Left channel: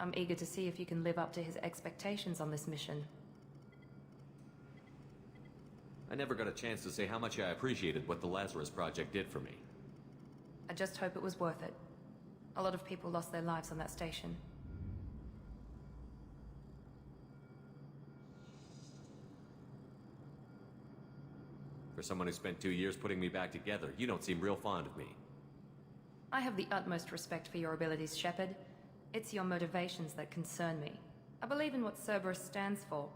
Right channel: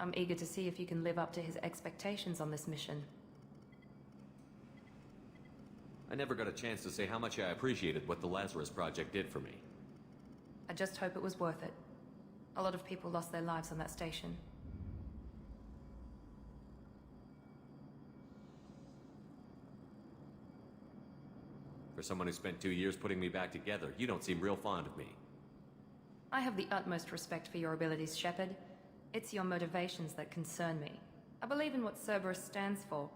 I'm eager to see if you can live up to his expectations on this mission. I never got a chance to say how much I appreciated what the Lazarus Project did for me. I just hope it was worth it. A lot of people lost their lives on that station. For someone who spent 2 years putting me back together, you don't seem real fond of me. I have the utmost respect for your abilities, Shepard. It's your motivations that concern me. I believe in what Cerberus stands for.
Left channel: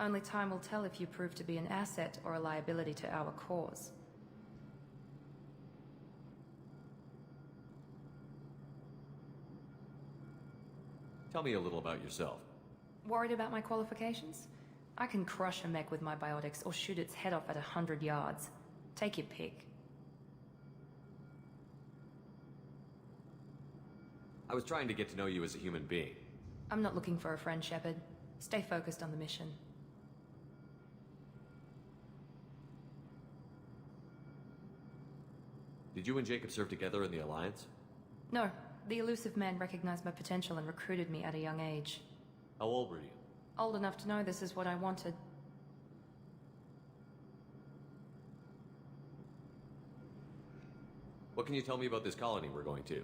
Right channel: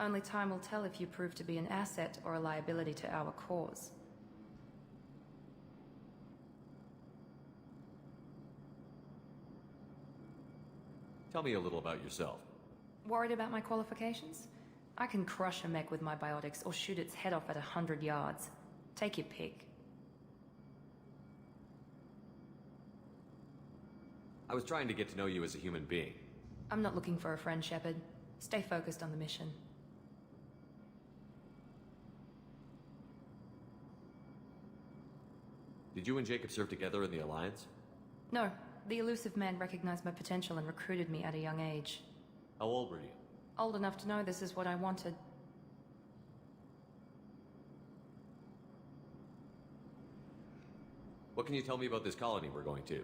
Only time will tell if you prove to be an asset or a liability to our cause. Tell me a little about yourself. Worried about my qualifications? I can crush a mech with my biotics or shoot its head off at 100 yards. Take your pick. I was trying to get to know you as a human being. I'm not looking for a friend, Shepard. Stay focused on the mission. Did you and Jacob serve together in the Alliance? No, the elusive man recognized my potential and recruited me at a young age. How old were you? Old enough to know this is what I wanted. What can you tell me about this colony we're going to?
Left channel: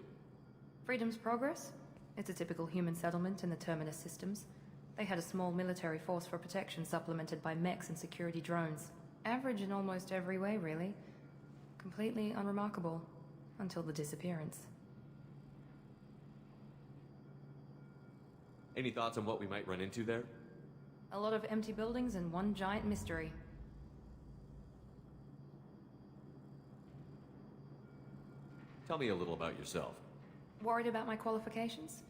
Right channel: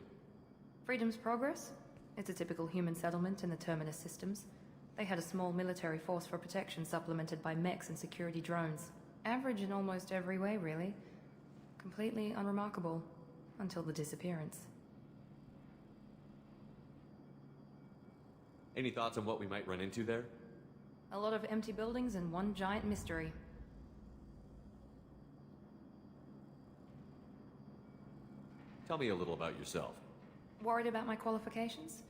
Freedom's Progress? It's a typical human settlement in the Terminus systems. They had a small military force for protection supplemented by mechs and security drones. Average in almost every way, really. Completely unremarkable. Until the disappearance. Any thoughts on what we might run into there? A lot of empty buildings and one giant mystery. Tell me a little about yourself. Worried about my qualifications?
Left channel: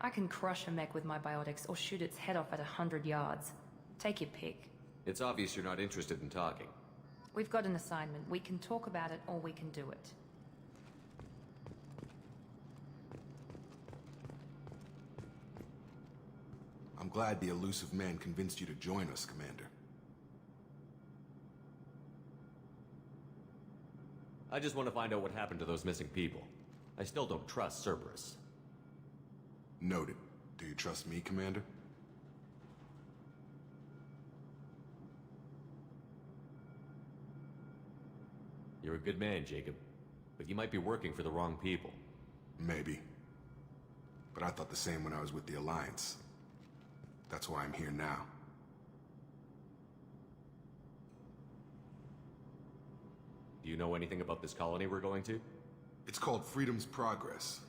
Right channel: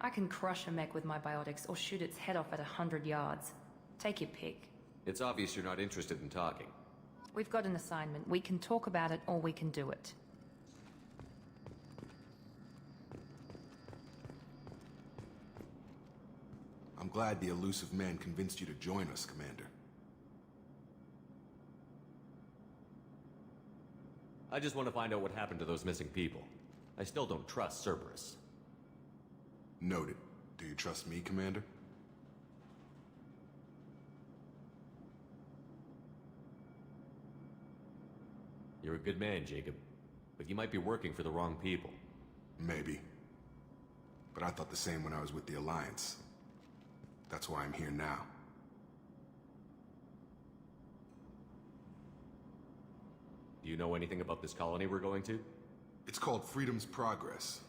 I can crush a mech with my biotics or shoot its head off at 100 yards. Take your pick. It's obvious you're not interested in talking. We've got an assignment. We can talk about it or we can do it. I'm glad the elusive man convinced you to join us, Commander. I just want to find out what happened to those missing people. I still don't trust Cerberus. Noted. Do you trust me, Commander? You're a good man, Jacob. But you might be working for the wrong people. Maybe. But I thought the same when I was with the Alliance. That's why I'm here now. Do you know anything about this colony we're going to? It's called Freedom's Progress.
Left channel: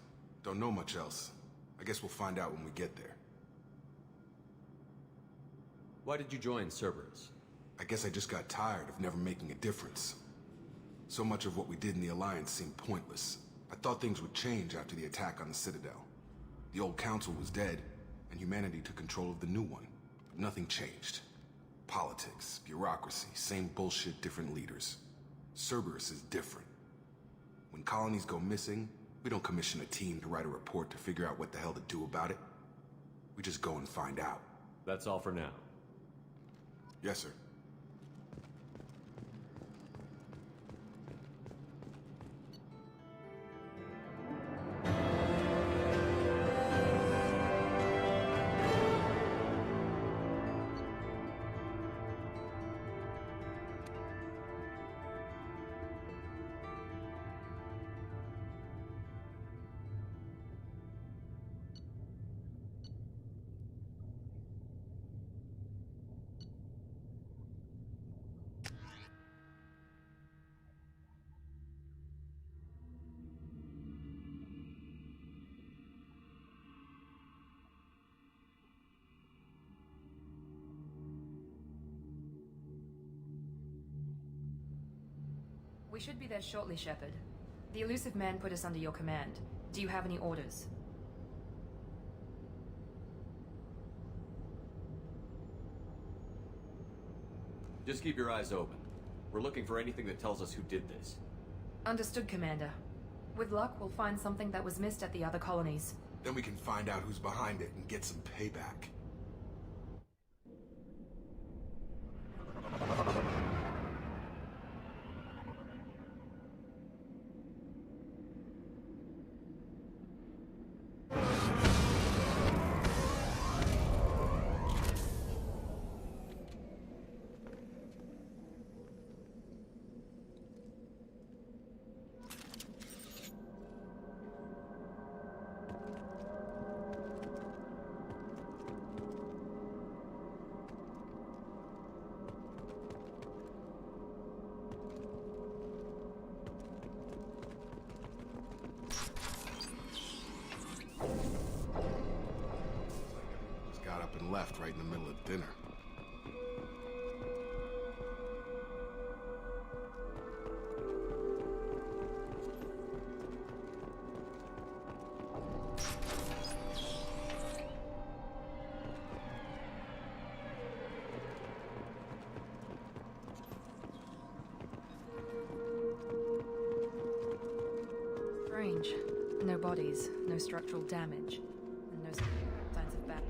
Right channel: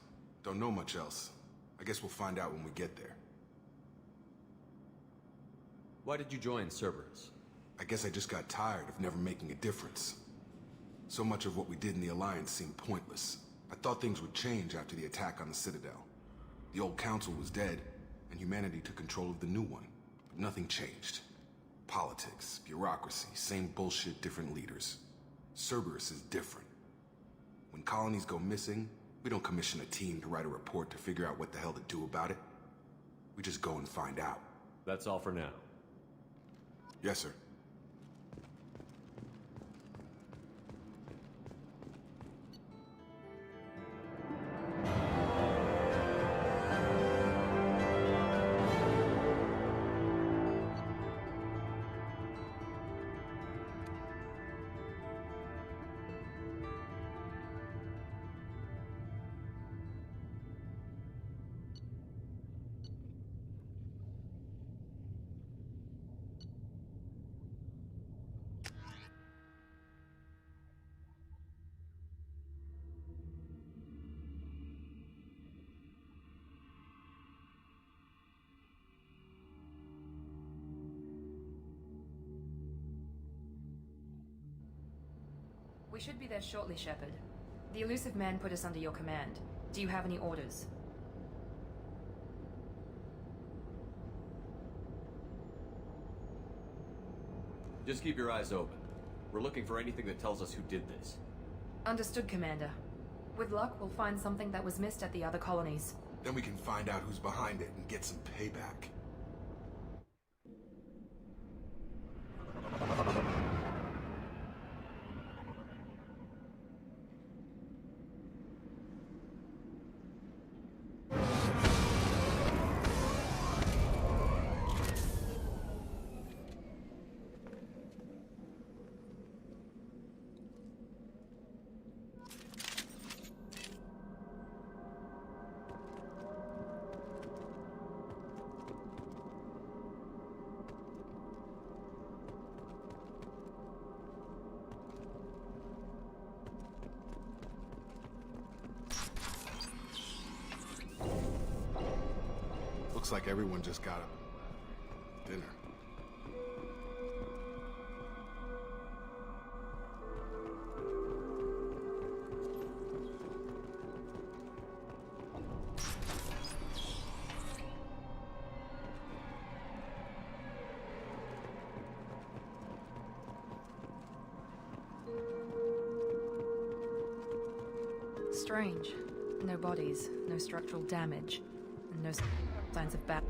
Don't know much else. I guess we'll find out when we get there. Why did you join Cerberus? I guess I just got tired of never making a difference. So much of what we did in the Alliance seemed pointless. I thought things would change after the attack on the Citadel. The old council was dead, and humanity took control of the new one. But nothing changed. Politics, bureaucracy, same bullshit, different leaders. Cerberus is different. When colonies go missing, we don't commission a team to write a report to figure out what the hell to do about it. We just go and find out. That's all for now. Yes, sir. We should be there shortly, Shepard. The elusive man put us under your command. Do you have any orders? Just keep your eyes open. We're looking for anything that tells us who did this. Understood, Commander. With luck, we'll find something that was missed at the other colonies. Then we can find out who's behind it and get some payback. Looks like everyone just got up and left right in the middle of dinner. Strange. No bodies, no structural damage, and no signs of battle.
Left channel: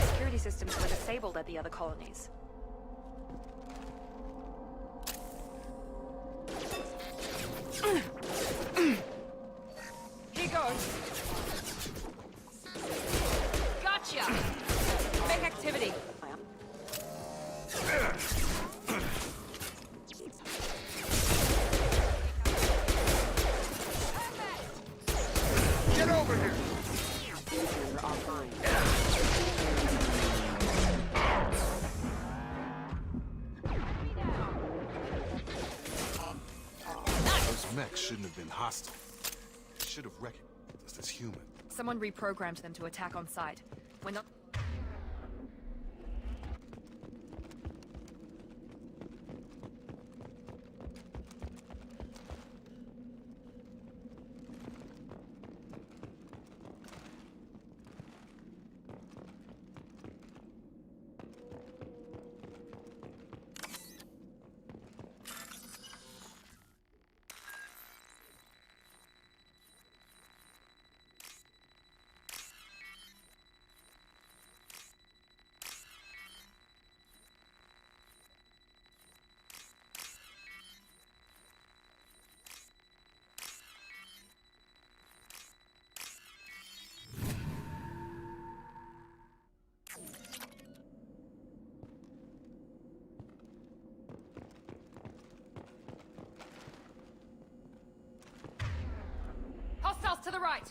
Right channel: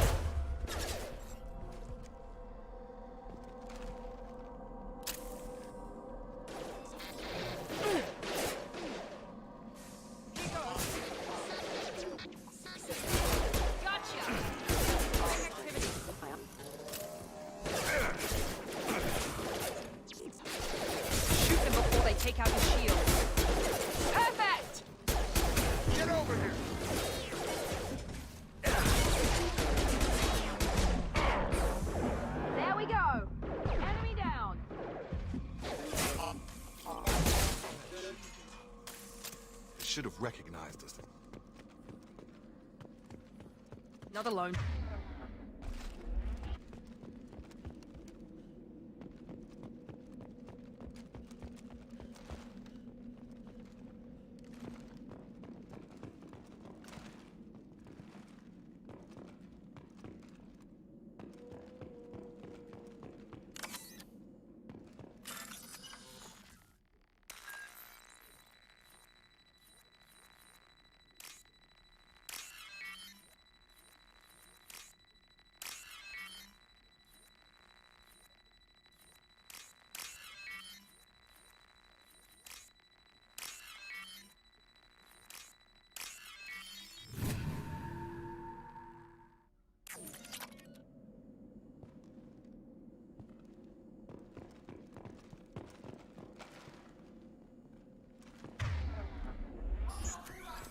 Security systems are disabled at the other colonies. Here goes. Gotcha! Big activity. Before they take out the shield. Perfect! Get over here! There we go. Enemy down. Those mechs shouldn't have been hostile. They should have recognized us as human. Someone reprogrammed them to attack on sight. We're not alone. Hostiles to the right.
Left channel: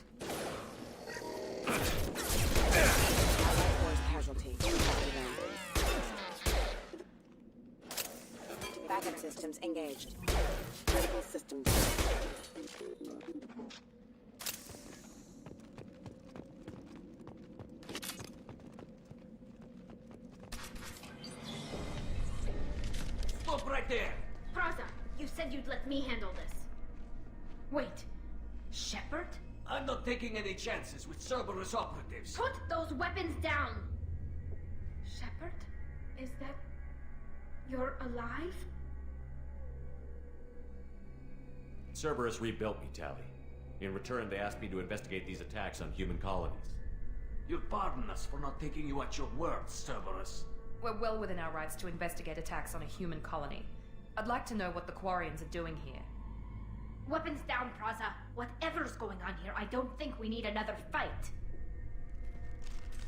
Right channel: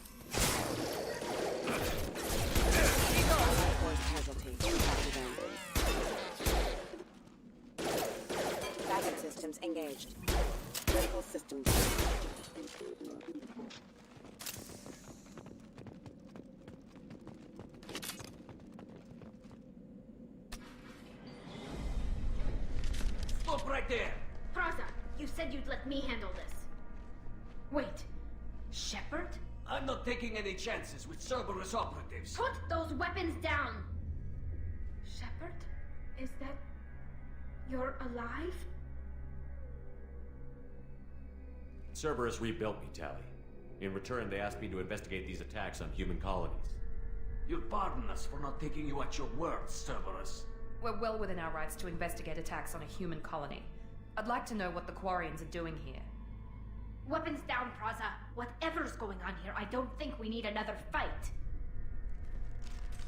Allied force casualty. Copy them. Backup systems engaged. Critical systems. Stop right there! Praza, you said you'd let me handle this. Wait, Shepard? I'm not taking any chances with Cerberus operatives. Put those weapons down! Shepard? Is that... you're alive? Cerberus rebuilt me, Tally. In return, they asked me to investigate these attacks on human colonies. You'll pardon us for not taking you at your word, Cerberus. We're well within our rights to investigate attacks on a human colony. I'd like to know what the Quarians are doing here. Weapons down, Praza. Whatever's going on here, I don't think we need another fight.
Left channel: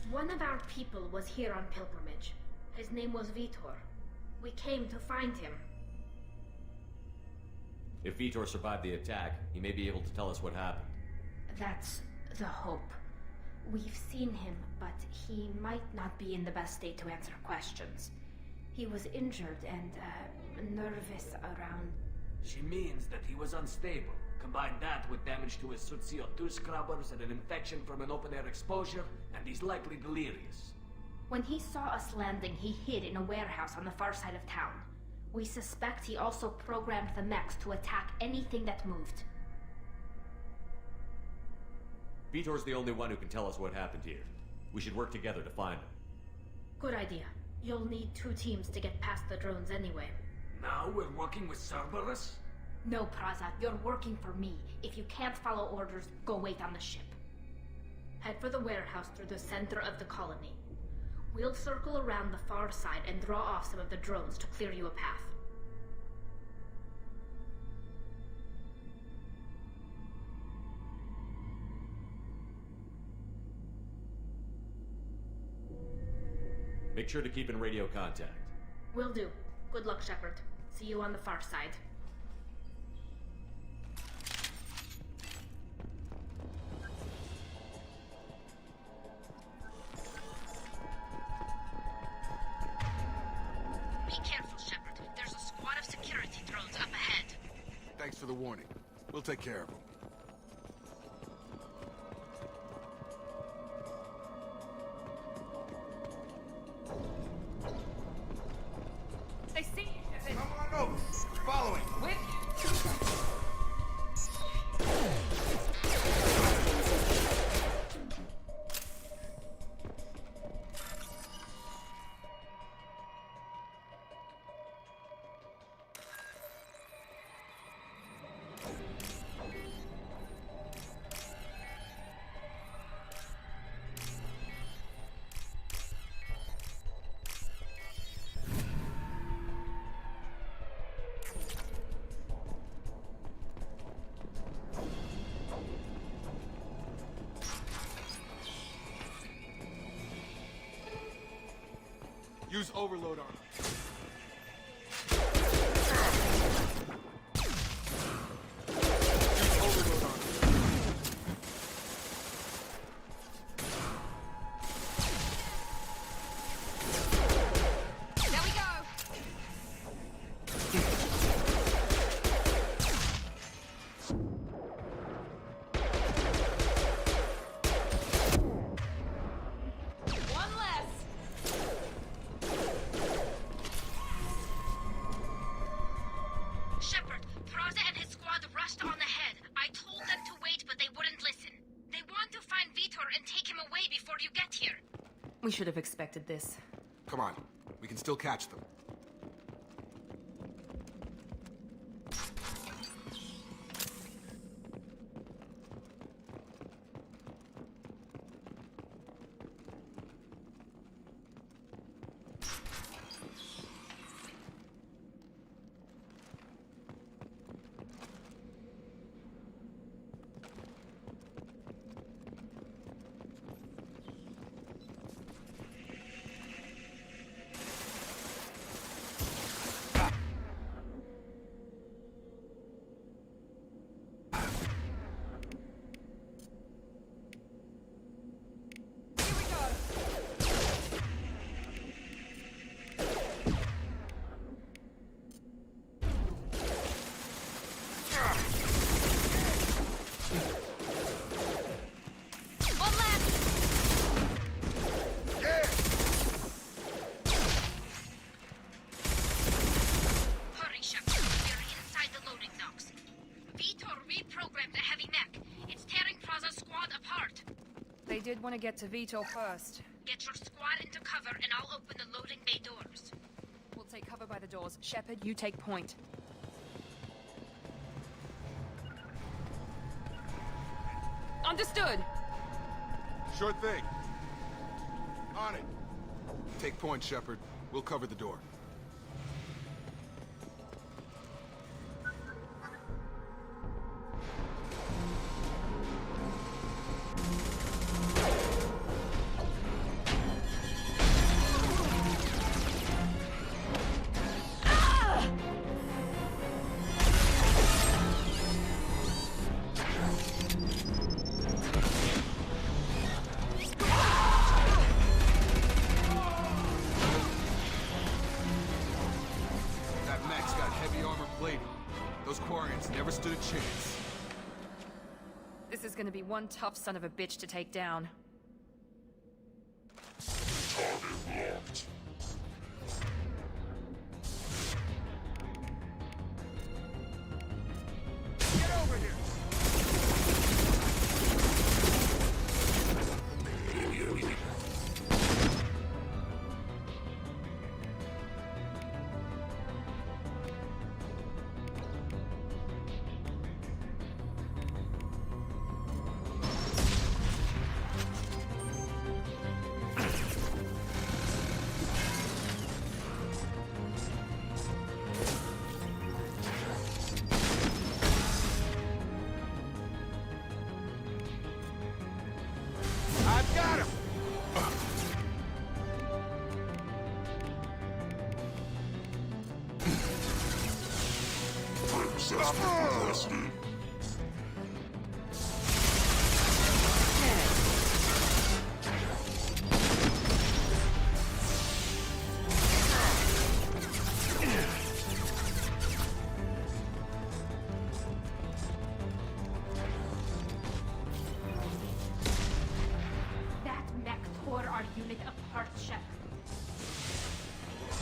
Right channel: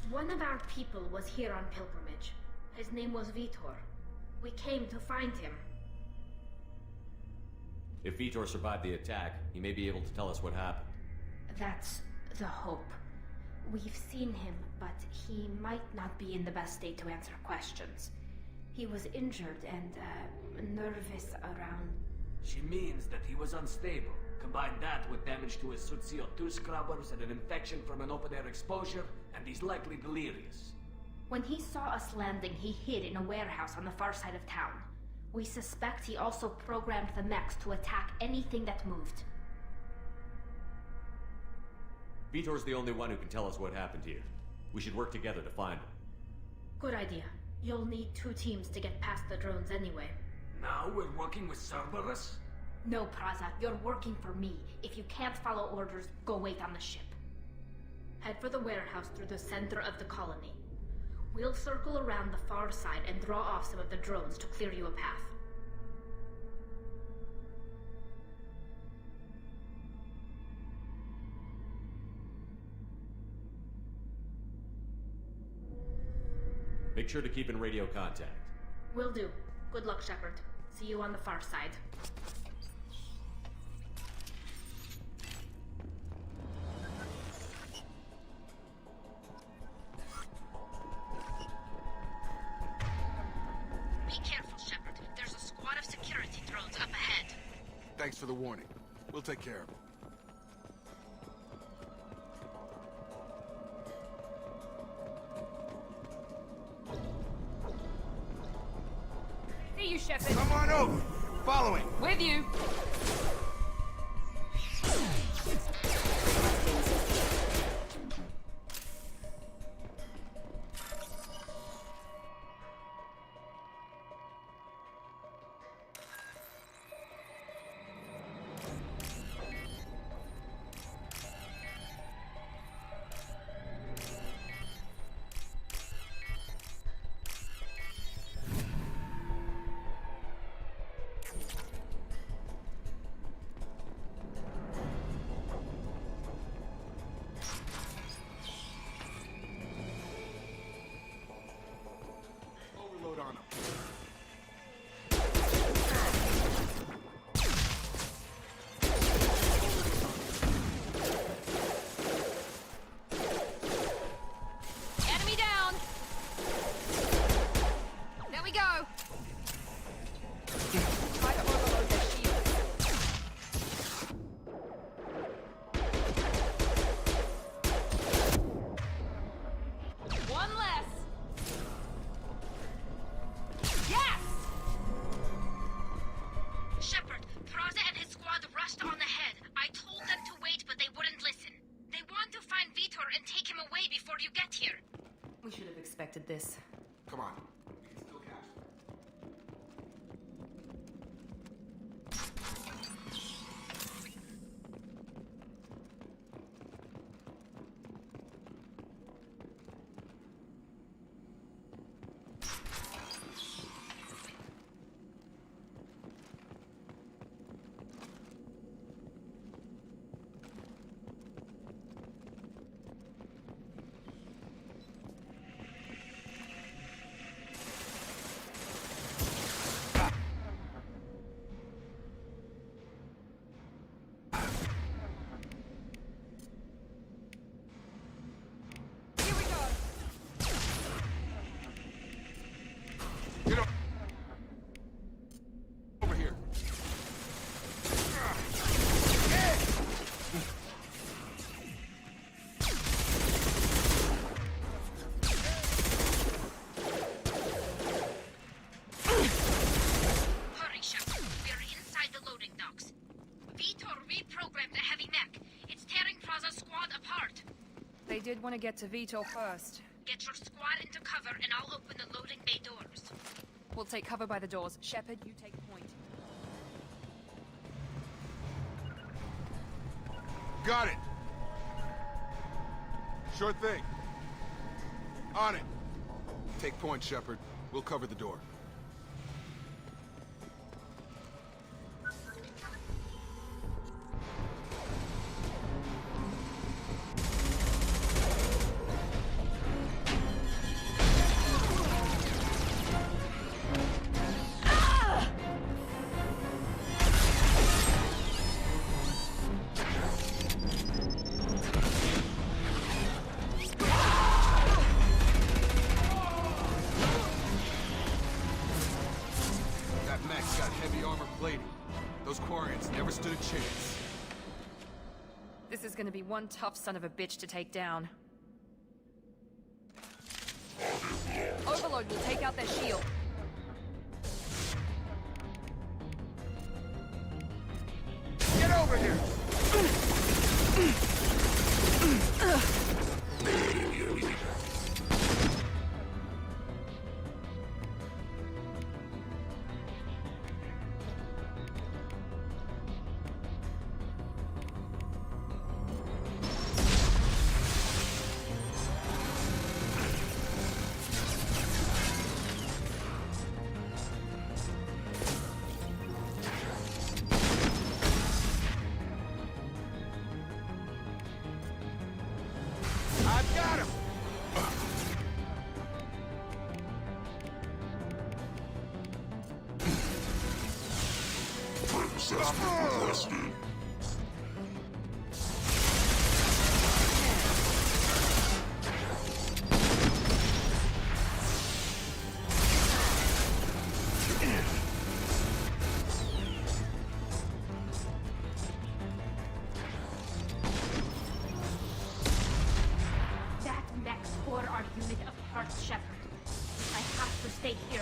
One of our people was here on pilgrimage. His name was Vitor. We came to find him. If Vitor survived the attack, he may be able to tell us what happened. That's the hope. We've seen him, but he might not be in the best state to answer questions. He was injured and, nervous around... She means that he was unstable. Combine that with damage to his suit CO2 scrubbers and an infection from an open-air exposure, and he's likely delirious. When he saw us landing, he hid in a warehouse on the far side of town. We suspect he also programmed the mechs to attack anything that moved. Vitor's the only one who can tell us what happened here. We should work together to find him. Good idea. You'll need 2 teams to get past the drones anyway. Now we're working with Cerberus? No, Praza, you're working for me. If you can't follow orders, go wait on the ship. Head for the warehouse through the center of the colony. We'll circle around the far side and draw off some of the drones to clear you a path. Make sure to keep in radio contact. Will do. Good luck, Shepard. See you on the far side. Be careful, Shepard. There's a squad of security drones up ahead. Thanks for the warning. We'll take care of them. They see you, Shepard. Come on over. Following. With you. Use overload on them. Enemy down. There we go. One less. Yes! Shepard, Praza and his squad rushed on ahead. I told them to wait, but they wouldn't listen. They want to find Vitor and take him away before you get here. We should have expected this. Come on. We can still catch them. Here we go. One left. Hurry, Shepard. We're inside the loading docks. Vitor reprogrammed the heavy mech. It's tearing Praza's squad apart. They did want to get to Vito first. Get your squad into cover and I'll open the loading bay doors. We'll take cover by the doors. Shepard, you take point. Got it. Understood. Sure thing. On it. Take point, Shepard. We'll cover the door. That mech's got heavy armor plating. Those Quarians never stood a chance. This is gonna be one tough son of a bitch to take down. Overload will take out their shield. Get over here! access be requested? That mech tore our unit apart, Shepard. I have to stay here.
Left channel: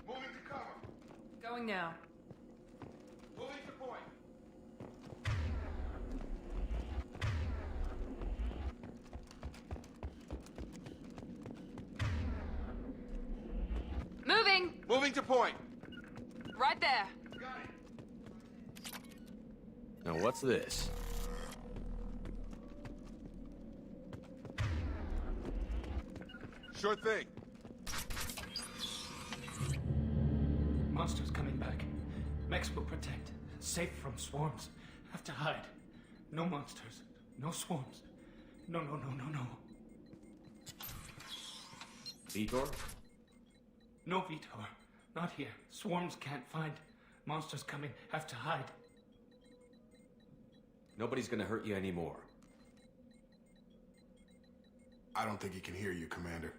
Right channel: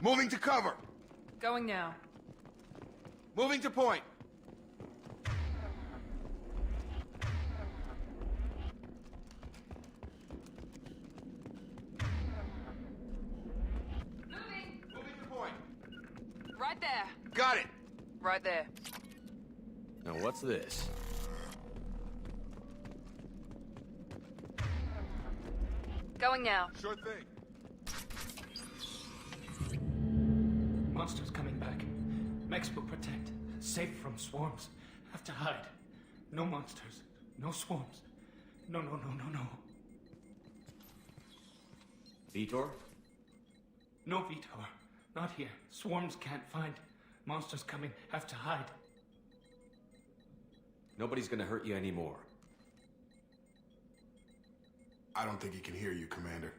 Moving to cover. Going now. Moving to point. Moving! Moving to point. Right there. Got it. Right there. Now what's this? Going now. Sure thing. Monsters coming back. Mechs will protect. Safe from swarms. Have to hide. No monsters. No swarms. No. Vitor? No Vitor. Not here. Swarms can't find. Monsters coming. Have to hide. Nobody's gonna hurt you anymore. I don't think he can hear you, Commander.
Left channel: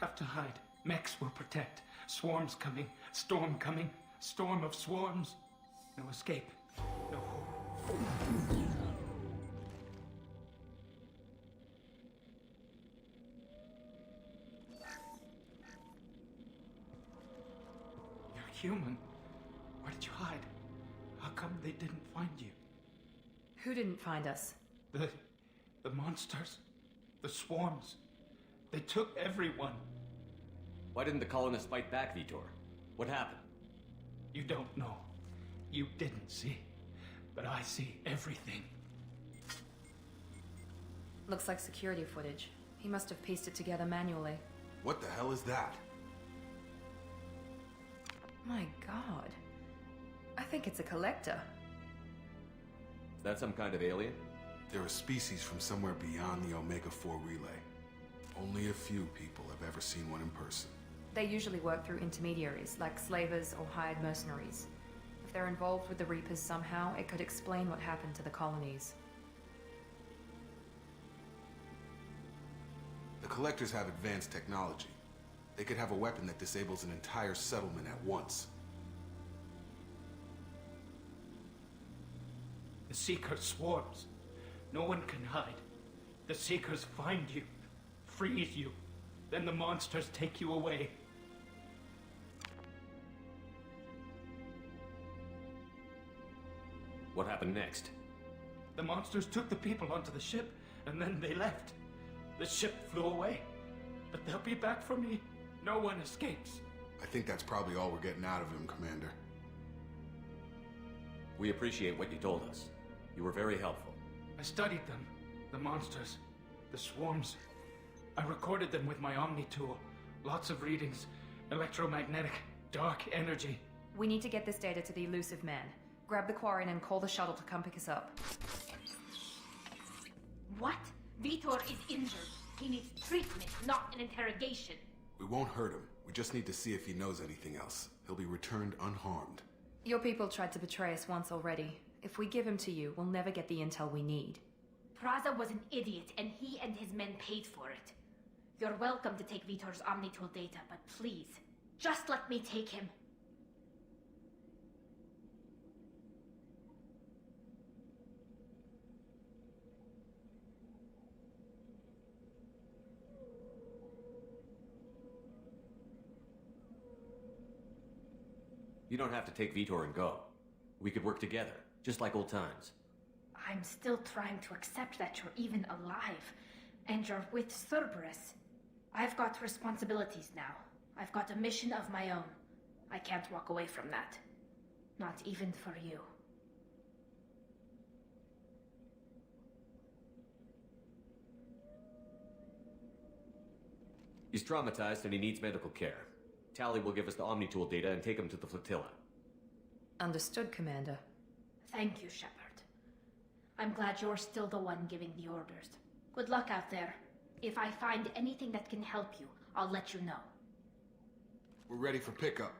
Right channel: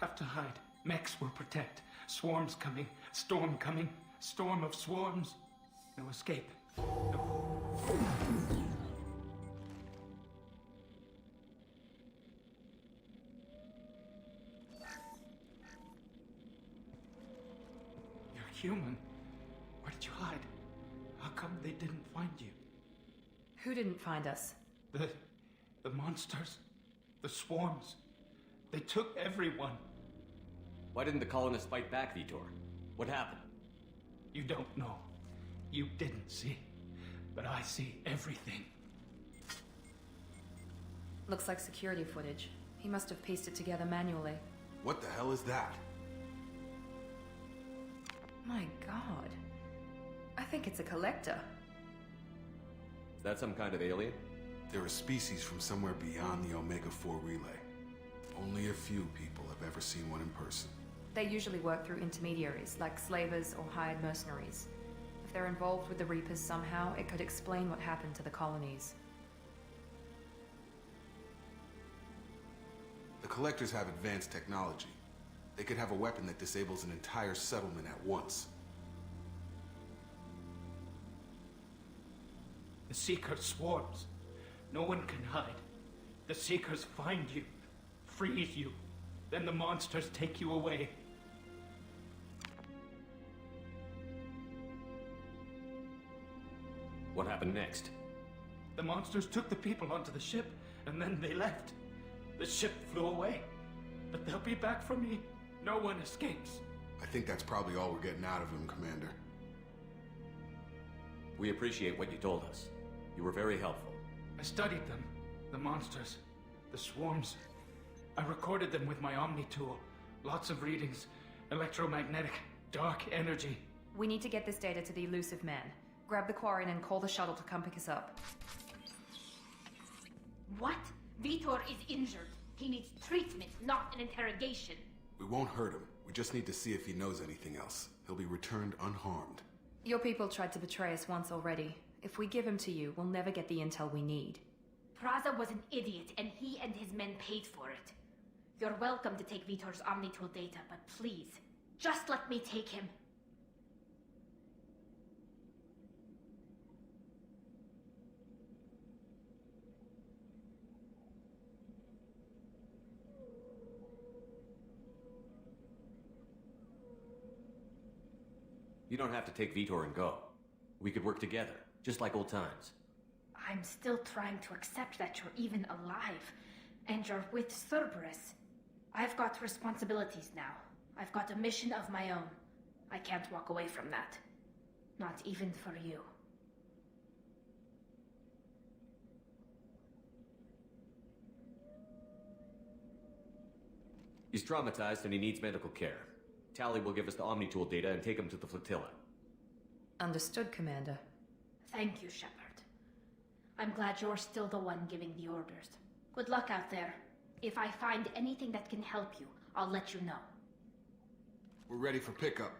Have to hide. Mechs will protect. Swarms coming. Storm coming. Storm of swarms. No escape. No hope. You're human. Where did you hide? How come they didn't find you? Who didn't find us? The monsters. The swarms. They took everyone. Why didn't the colonists fight back, Vitor? What happened? You don't know. You didn't see. But I see everything. Looks like security footage. He must have pieced it together manually. What the hell is that? My god. I think it's a collector. Is that some kind of alien? They're a species from somewhere beyond the Omega-4 relay. Only a few people have ever seen one in person. They usually work through intermediaries, like slavers or hired mercenaries. If they're involved with the Reapers somehow, it could explain what happened to the colonies. The Collectors have advanced technology. They could have a weapon that disables an entire settlement at once. The Seekers swarms. No one can hide. The Seekers find you, freeze you, then the monsters take you away. What happened next? The monsters took the people onto the ship, and then they left. The ship flew away. But they'll be back for me. No one escapes. I think that's probably all we're getting out of him, Commander. We appreciate what you told us. You were very helpful. I studied them. The monsters. The swarms. I recorded them with my Omni tool. Lots of readings. Electromagnetic. Dark energy. We need to get this data to the elusive man. Grab the Quarian and call the shuttle to come pick us up. What? Vitor is injured. He needs treatment, not an interrogation. We won't hurt him. We just need to see if he knows anything else. He'll be returned unharmed. Your people tried to betray us once already. If we give him to you, we'll never get the intel we need. Praza was an idiot, and he and his men paid for it. You're welcome to take Vitor's Omnitool data, but please, just let me take him. You don't have to take Vitor and go. We could work together, just like old times. I'm still trying to accept that you're even alive, and you're with Cerberus. I've got responsibilities now. I've got a mission of my own. I can't walk away from that. Not even for you. He's traumatized and he needs medical care. Tali will give us the Omni-Tool data and take him to the flotilla. Understood, Commander. Thank you, Shepard. I'm glad you're still the one giving the orders. Good luck out there. If I find anything that can help you, I'll let you know. We're ready for pickup.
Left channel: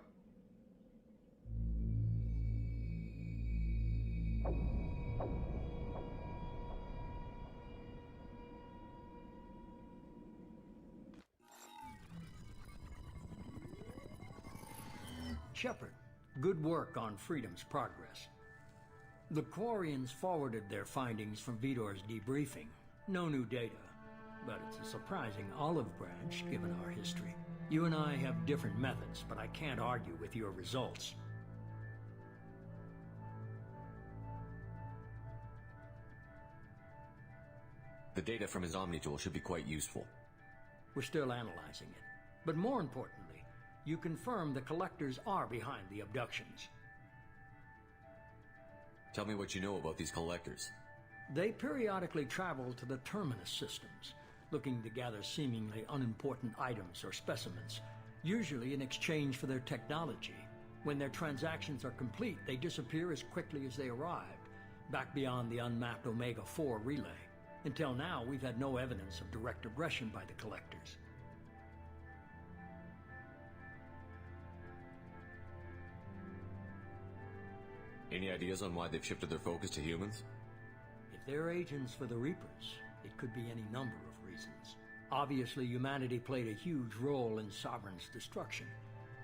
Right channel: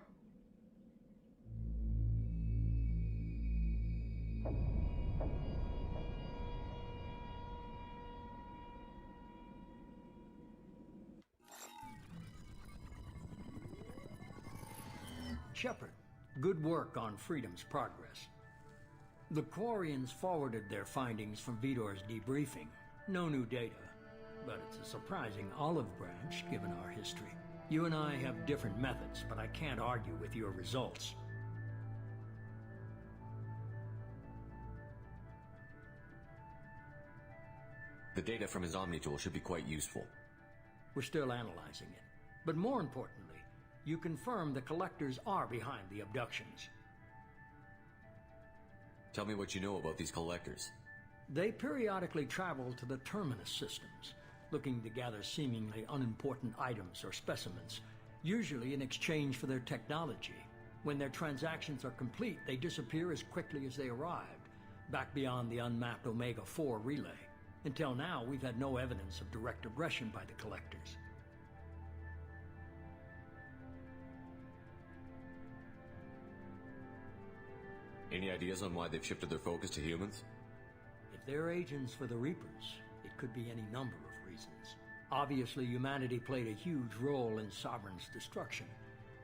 Shepard, good work on Freedom's progress. The Quarians forwarded their findings from Vitor's debriefing. No new data, but it's a surprising olive branch given our history. You and I have different methods, but I can't argue with your results. The data from his Omni-Tool should be quite useful. We're still analyzing it. But more importantly, you confirm the Collectors are behind the abductions. Tell me what you know about these Collectors. They periodically travel to the Terminus systems, looking to gather seemingly unimportant items or specimens, usually in exchange for their technology. When their transactions are complete, they disappear as quickly as they arrived, back beyond the unmapped Omega-4 relay. Until now, we've had no evidence of direct aggression by the Collectors. Any ideas on why they've shifted their focus to humans? If they're agents for the Reapers, it could be any number of reasons. Obviously, humanity played a huge role in Sovereign's destruction.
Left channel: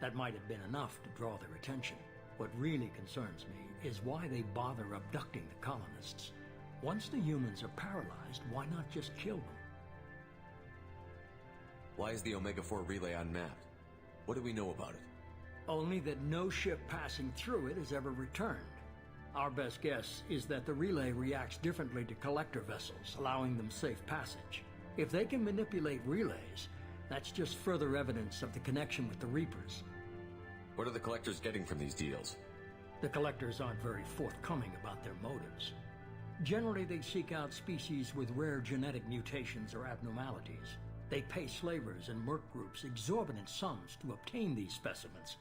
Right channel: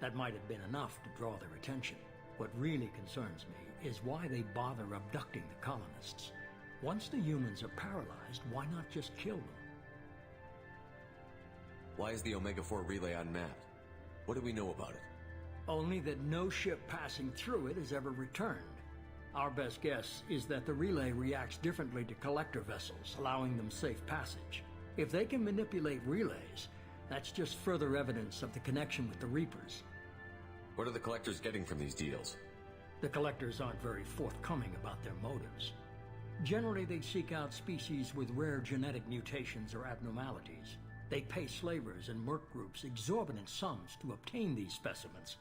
That might have been enough to draw their attention. What really concerns me is why they bother abducting the colonists. Once the humans are paralyzed, why not just kill them? Why is the Omega-4 relay unmapped? What do we know about it? Only that no ship passing through it has ever returned. Our best guess is that the relay reacts differently to collector vessels, allowing them safe passage. If they can manipulate relays, that's just further evidence of the connection with the Reapers. What are the Collectors getting from these deals? The Collectors aren't very forthcoming about their motives. Generally, they seek out species with rare genetic mutations or abnormalities. They pay slavers and merc groups exorbitant sums to obtain these specimens,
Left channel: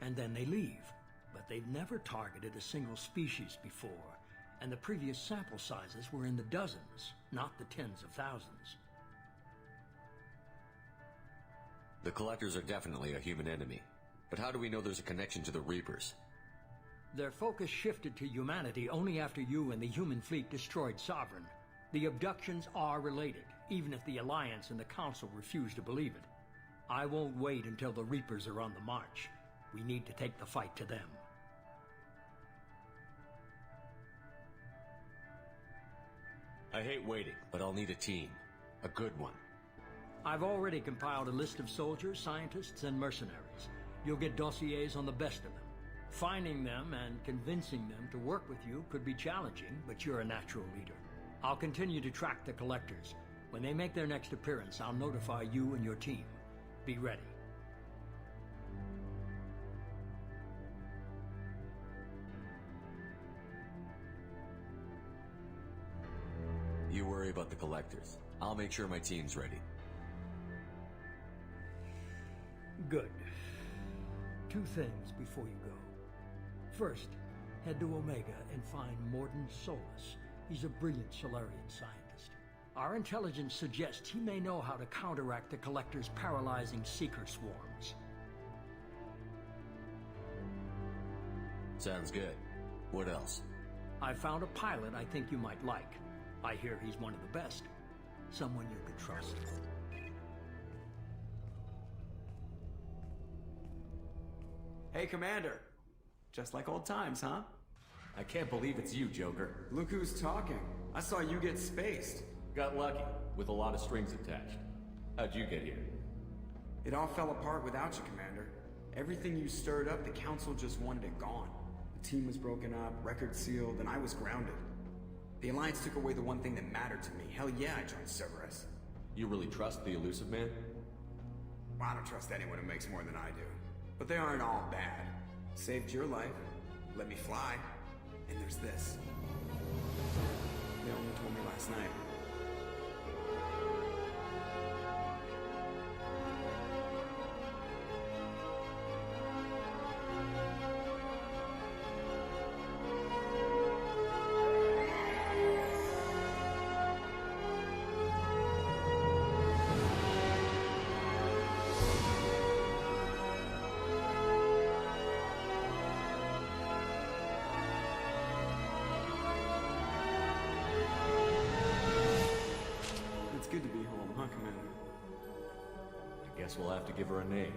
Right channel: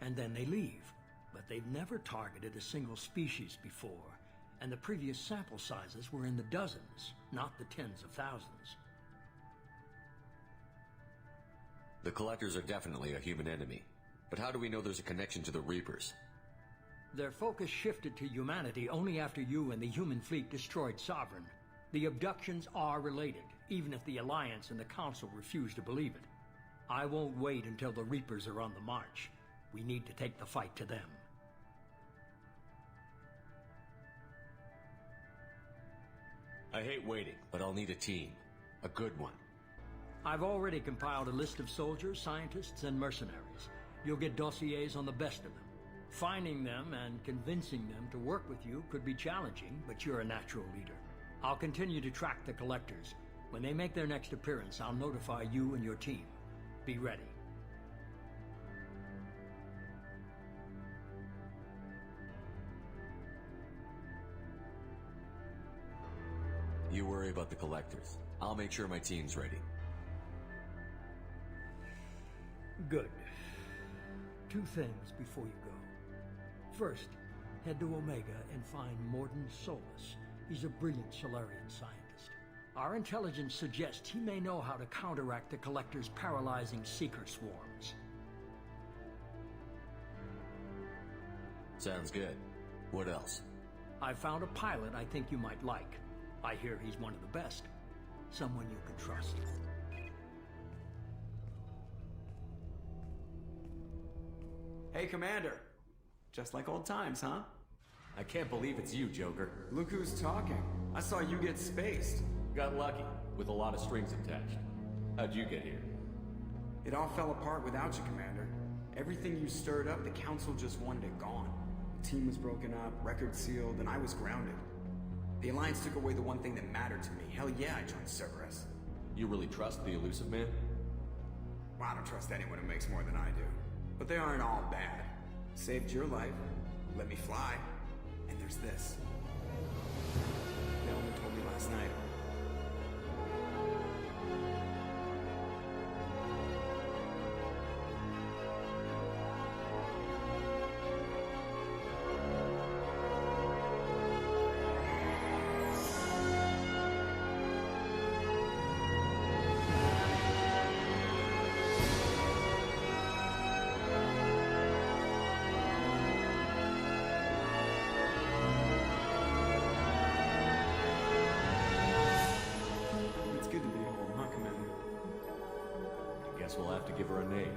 and then they leave. But they've never targeted a single species before, and the previous sample sizes were in the dozens, not the tens of thousands. The Collectors are definitely a human enemy. But how do we know there's a connection to the Reapers? Their focus shifted to humanity only after you and the human fleet destroyed Sovereign. The abductions are related, even if the Alliance and the Council refuse to believe it. I won't wait until the Reapers are on the march. We need to take the fight to them. I hate waiting, but I'll need a team. A good one. I've already compiled a list of soldiers, scientists, and mercenaries. You'll get dossiers on the best of them. Finding them and convincing them to work with you could be challenging, but you're a natural leader. I'll continue to track the Collectors. When they make their next appearance, I'll notify you and your team. Be ready. You worry about the Collectors. I'll make sure my team's ready. Good. 2 things before you go. First, head to Omega and find Mordin Solus. He's a brilliant Solarian scientist. Our intelligence suggests he may know how to counteract the Collector's paralyzing Seeker swarms. Sounds good. What else? I found a pilot I think you might like. I hear he's one of the best. Someone you can trust. Hey, Commander. Just like old times, huh? I can't believe it's you, Joker. Look who's talking. I saw you get spaced. Got lucky, with a lot of strings attached. How'd you get here? It all fell apart without you, Commander. Everything you stirred up, the Council just wanted it gone. The team was broken up, records sealed, and I was grounded. The Alliance took away the one thing that mattered to me. Hell yeah, I joined Cerberus. You really trust the elusive man? Well, I don't trust anyone who makes more than I do. But they aren't all bad. Saved your life, let me fly, and there's this. They only told me last night. It's good to be home, huh, Commander? I guess we'll have to give her a name.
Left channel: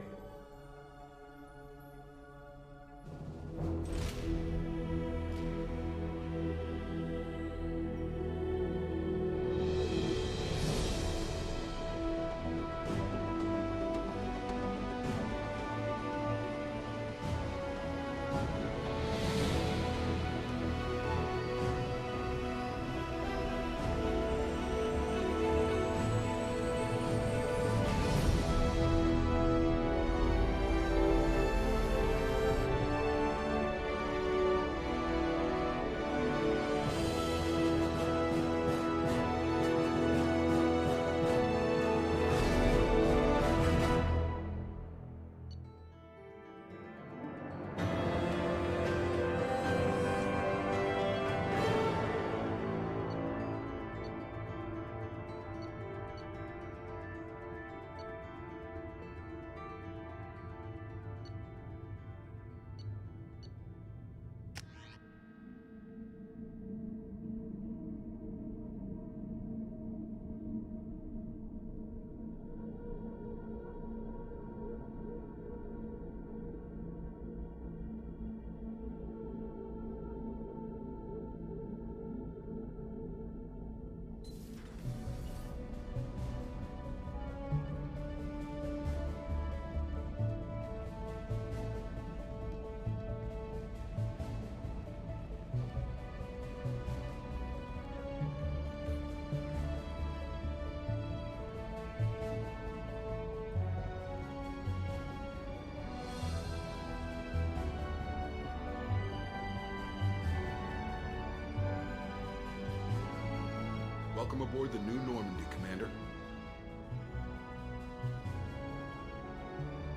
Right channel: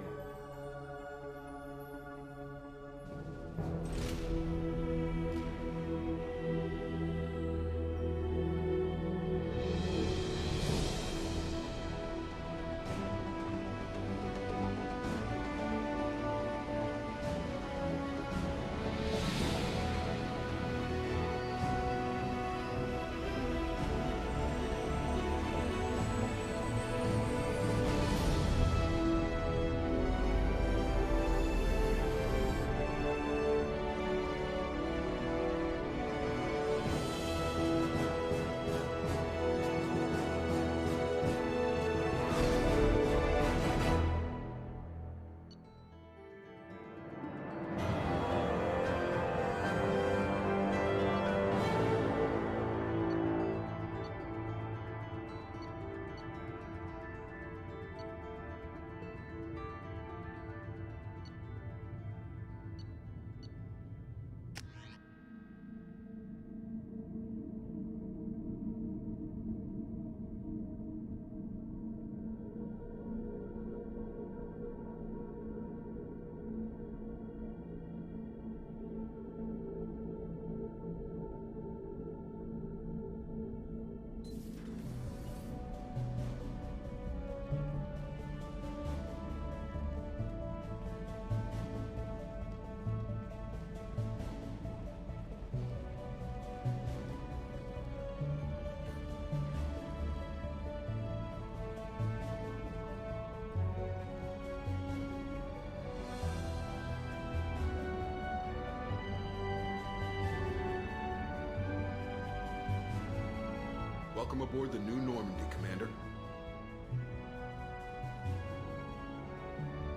Welcome aboard the New Normandy, Commander.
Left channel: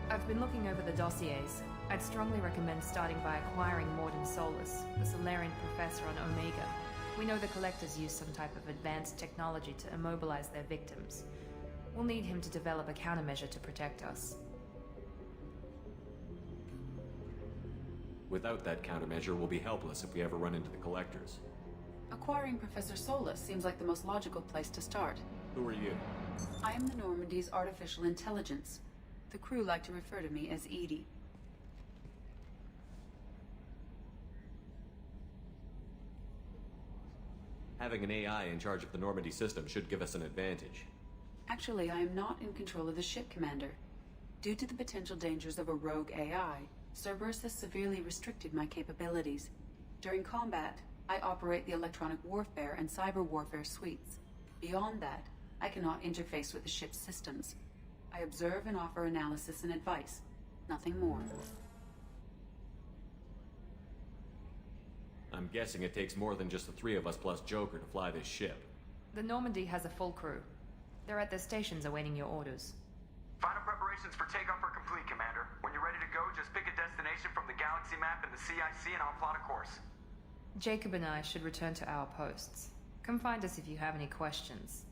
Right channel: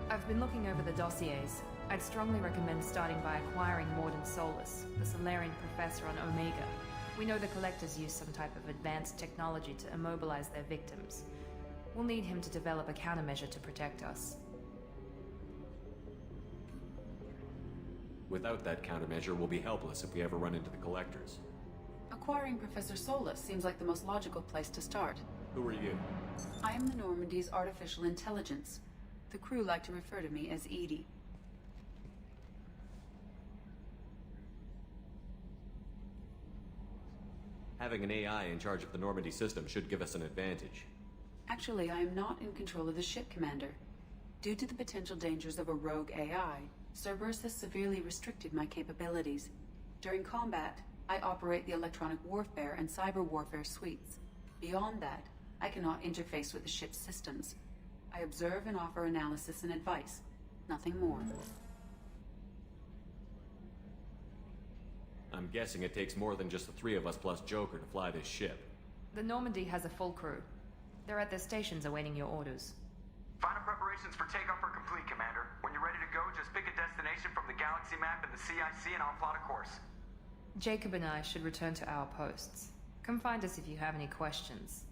I've been looking over the dossiers. I'd strongly recommend starting by acquiring Morden Solus, the Solarian professor on Omega. We know the Collectors use some type of advanced technology to immobilize their victims. We'll need him to develop a countermeasure to protect us. Without that countermeasure, we'll be helpless if we ever run into the Collectors. Acquiring Professor Solus seems like the most logical place to start. Who are you? I am the Normandy's artificial intelligence. The crew like to refer to me as Edie. Having an AI in charge of the Normandy system should give us an advantage. Actually, I am not in control of the ship, Commander. Due to the potential dangers of a rogue AI, Cerberus has severely restricted my capabilities. During combat, I operate the electronic warfare and cyber warfare suites. Beyond that, I cannot interface with the ship's systems. I observe and offer analysis and advice. Nothing more. I'm guessing it takes more than just the three of us plus Joker to fly this ship. The Normandy has a full crew. They're at their stations awaiting your orders. Final preparations for takeoff are complete, Commander. When you're ready to go, just pick a destination from the galaxy map and the CIC and I'll plot a course. Jacob and I should return to our posts. Come find us if you have any questions.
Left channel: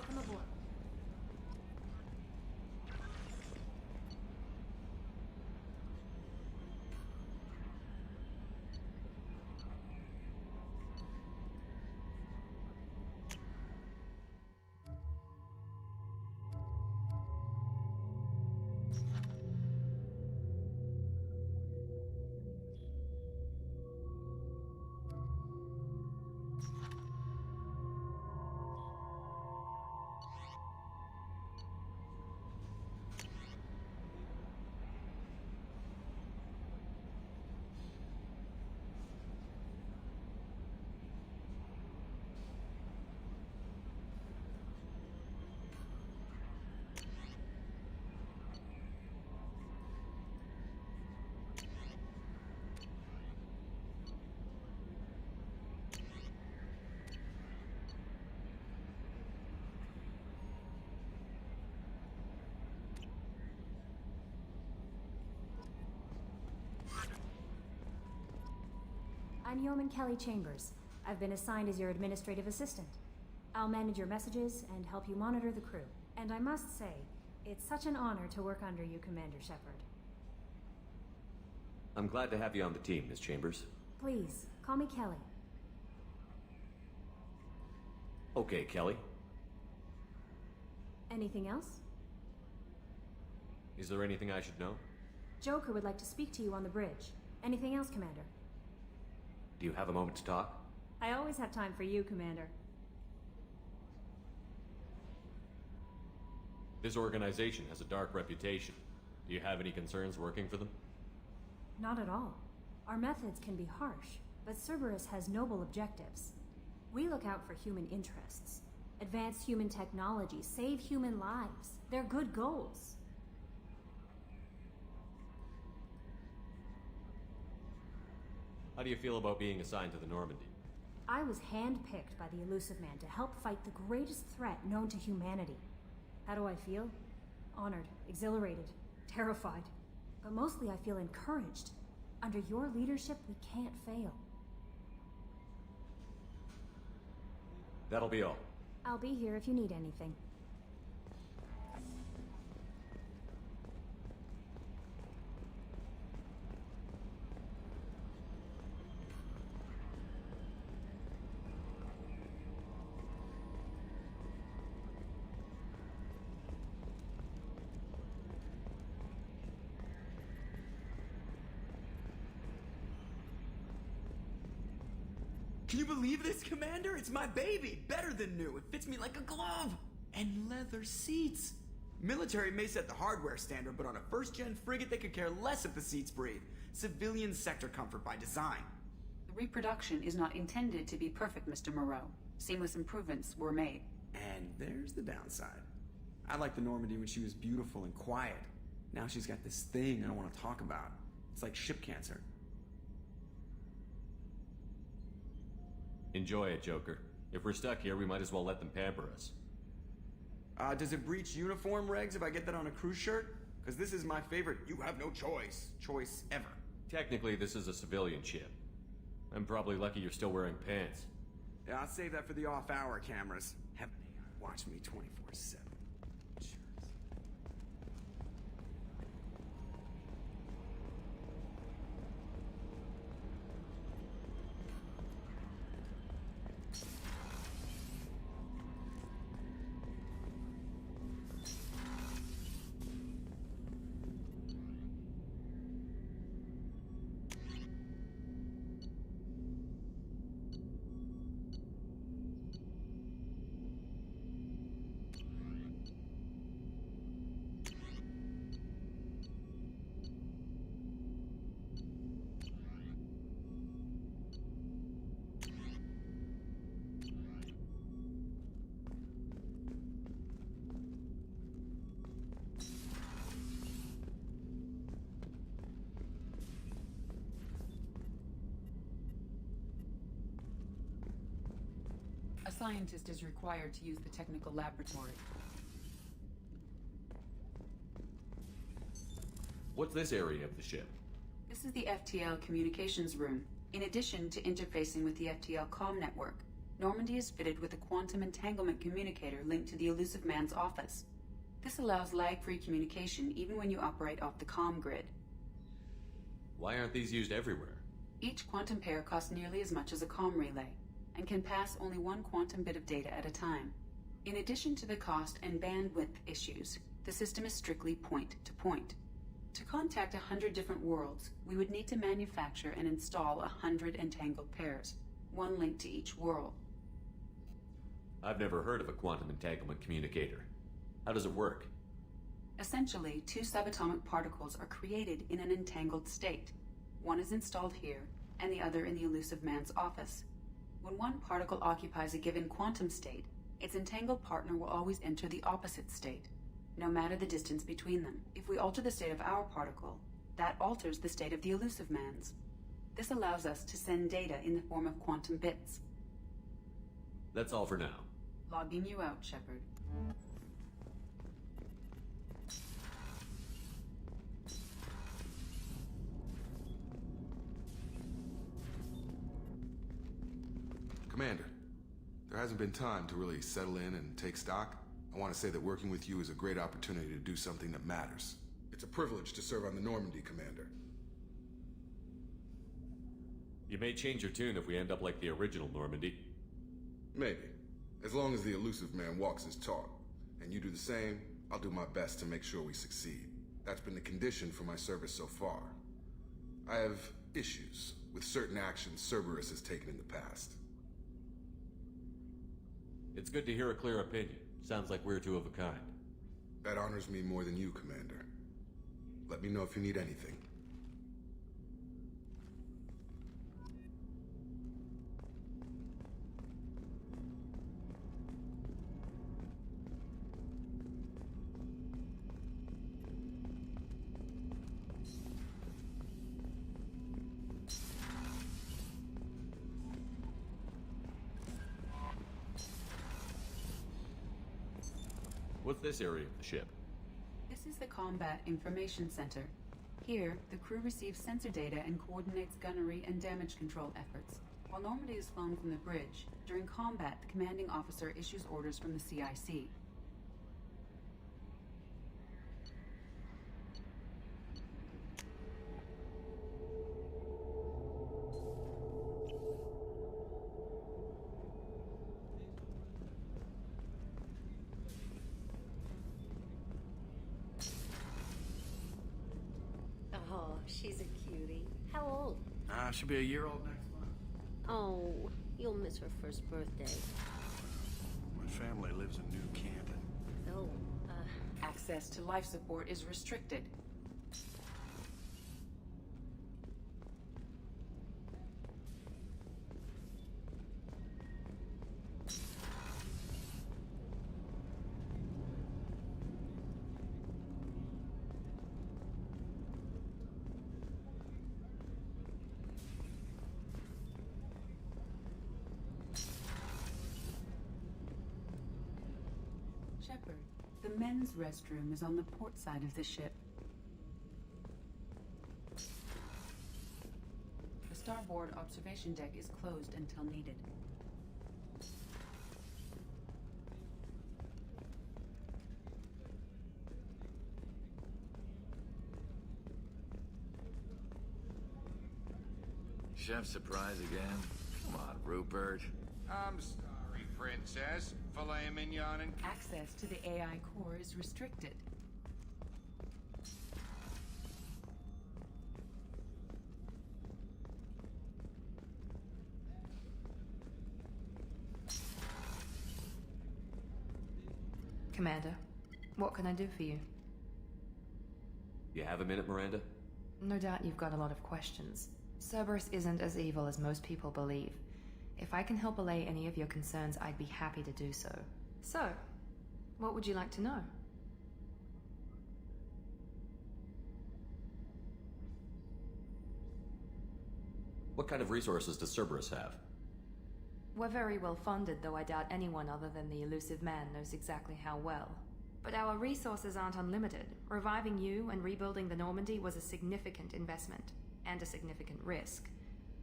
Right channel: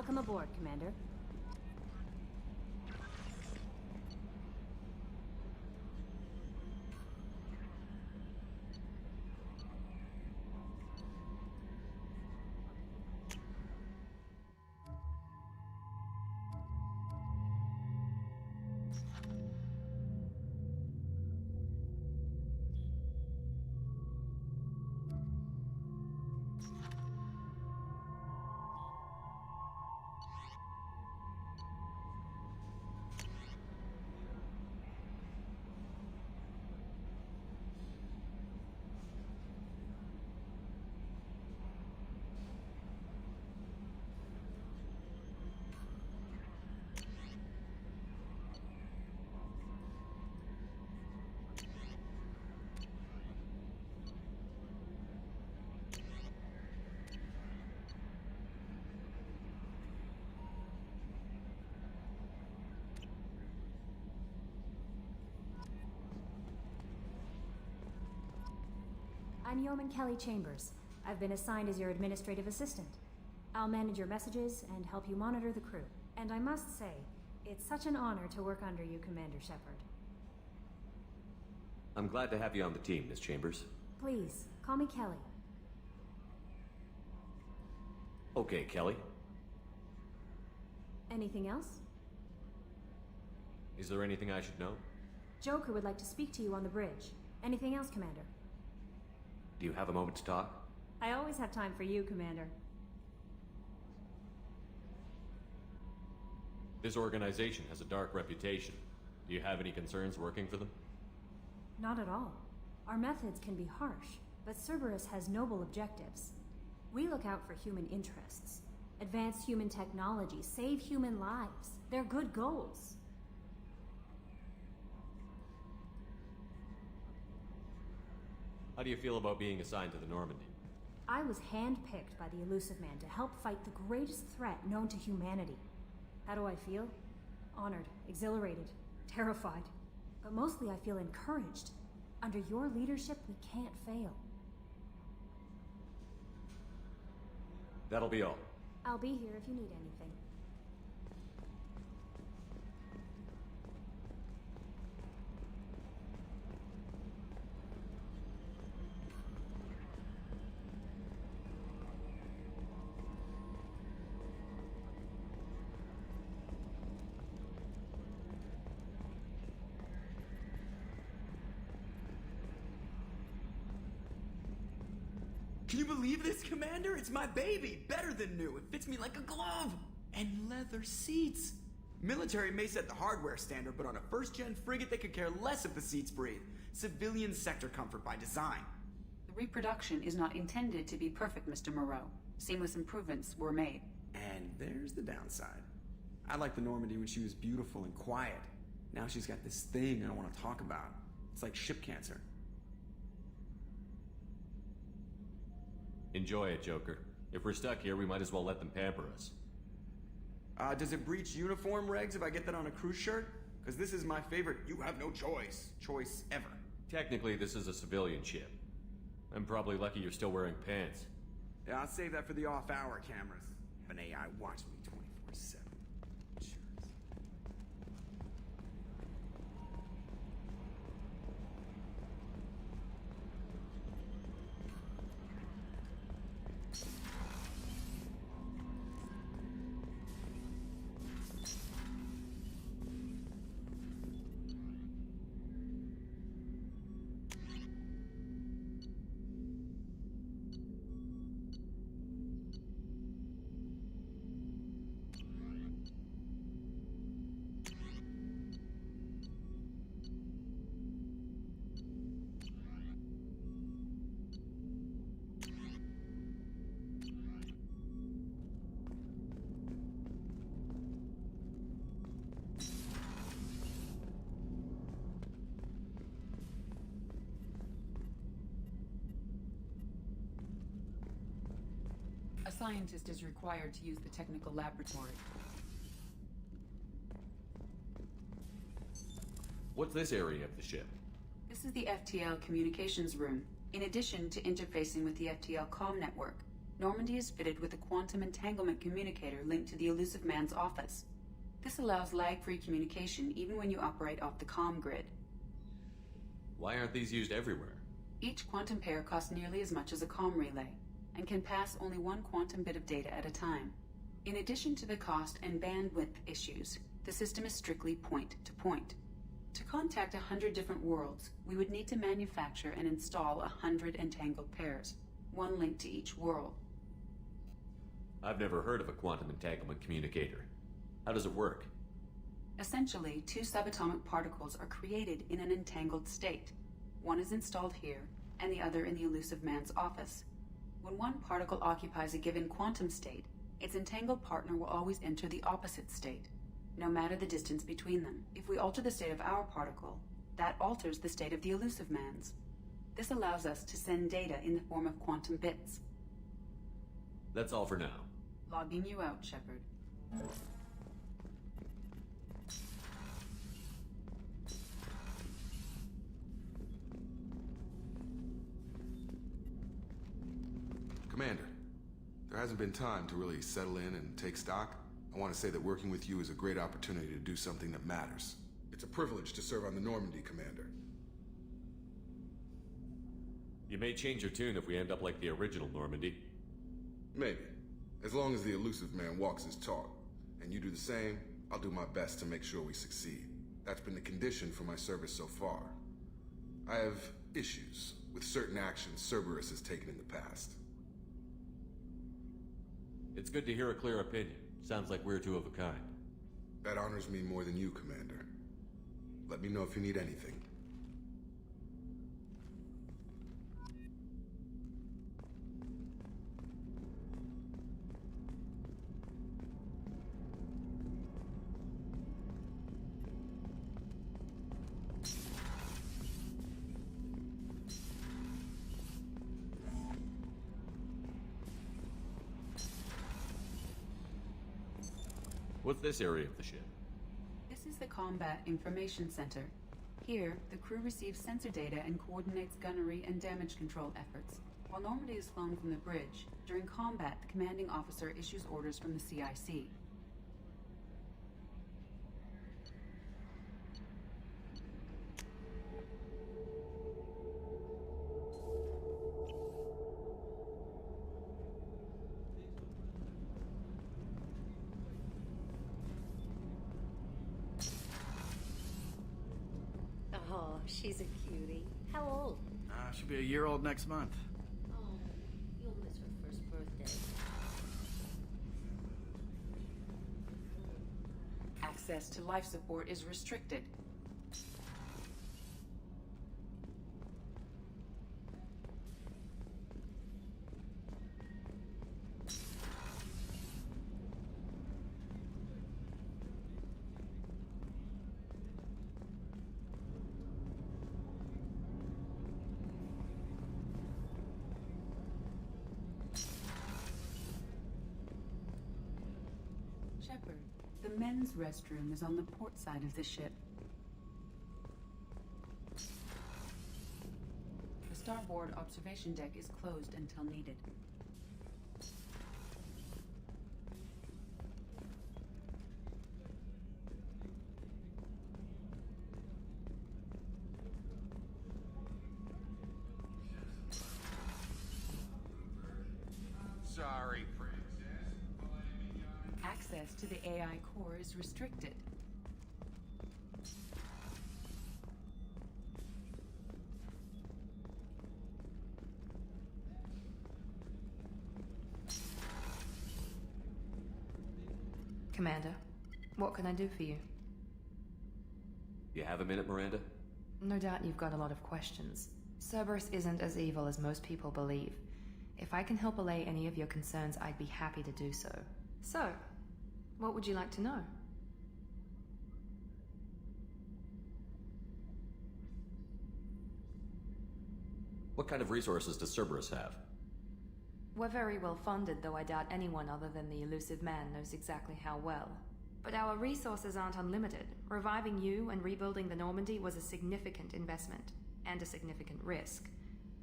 Welcome aboard, Commander. I'm Yeoman Kelly Chambers. I've been assigned as your administrative assistant. I'll manage your messages and help you monitor the crew. And I must say, it's such an honor to work under you, Commander Shepard. I'm glad to have you on the team, Miss Chambers. Please, call me Kelly. Okay, Kelly. Anything else? Is there anything I should know? Joker would like to speak to you on the bridge. Anything else, Commander? Do you have a moment to talk? I always have time for you, Commander. This organization has a dark reputation. Do you have any concerns working for them? Not at all. Our methods can be harsh, but Cerberus has noble objectives. We look out for human interests, advance human technology, save human lives. They're good goals. How do you feel about being assigned to the Normandy? I was handpicked by the Elusive Man to help fight the greatest threat known to humanity. How do I feel? Honored, exhilarated, terrified. But mostly I feel encouraged. Under your leadership, we can't fail. That'll be all. I'll be here if you need anything. Can you believe this, Commander? It's my baby! Better than new. It fits me like a glove! And leather seats! Military may set the hardware standard, but on a first-gen frigate, they could care less if the seats breathe. Civilian sector comfort by design. The reproduction is not intended to be perfect, Mr. Moreau. Seamless improvements were made. And there's the downside. I liked the Normandy when she was beautiful and quiet. Now she's got this thing I don't want to talk about. It's like ship cancer. Enjoy it, Joker. If we're stuck here, we might as well let them pamper us. Does it breach uniform regs if I get that on a cruise shirt? Because this is my favorite you have no choice ever. Technically, this is a civilian ship. I'm probably lucky you're still wearing pants. Yeah, I'll save that for the off-hour cameras. Have an AI watch me 24/7. A scientist is required to use the technical laboratory. What's this area of the ship? This is the FTL communications room, in addition to interfacing with the FTL comm network. Normandy is fitted with a quantum entanglement communicator linked to the Elusive Man's office. This allows lag-free communication even when you operate off the comm grid. Why aren't these used everywhere? Each quantum pair costs nearly as much as a comm relay, and can pass only one quantum bit of data at a time. In addition to the cost and bandwidth issues, the system is strictly point-to-point. To contact 100 different worlds, we would need to manufacture and install 100 entangled pairs, one link to each world. I've never heard of a quantum entanglement communicator. How does it work? Essentially, two subatomic particles are created in an entangled state. One is installed here, and the other in the Elusive Man's office. When one particle occupies a given quantum state, its entangled partner will always enter the opposite state, no matter the distance between them. If we alter the state of our particle, that alters the state of the Elusive Man's. This allows us to send data in the form of quantum bits. That's all for now. Logging you out, Shepard. Commander, there hasn't been time to really settle in and take stock. I want to say that working with you is a great opportunity to do something that matters. It's a privilege to serve on the Normandy, Commander. You may change your tune if we end up like the original Normandy. Maybe. As long as the Elusive Man walks his talk, and you do the same, I'll do my best to make sure we succeed. That's been the condition for my service so far. I have issues with certain actions Cerberus has taken in the past. It's good to hear a clear opinion. Sounds like we're two of a kind. That honors me more than you, Commander. Let me know if you need anything. What's this area of the ship? This is the Combat Information Center. Here, the crew receives sensor data and coordinates gunnery and damage control efforts. While Normandy is flown from the bridge, during combat, the commanding officer issues orders from the CIC. Oh, she's a cutie. How old? She'll be a year old next month. Oh, you'll miss her first birthday. My family lives in New Canton. Oh, Access to life support is restricted. Shepard, the men's restroom is on the port side of the ship. The starboard observation deck is closed until needed. Chef surprise again? Come on, Rupert. I'm sorry, Princess. Filet mignon and... Access to the AI core is restricted. Commander, what can I do for you? You have a minute, Miranda? No doubt you've got a lot of questions. Cerberus isn't as evil as most people believe. If I can help allay any of your concerns, I'd be happy to do so. So, what would you like to know? What kind of resources does Cerberus have? We're very well funded, though I doubt anyone other than the Elusive Man knows exactly how well. But our resources aren't unlimited. Reviving you and rebuilding the Normandy was a significant investment, and a significant risk.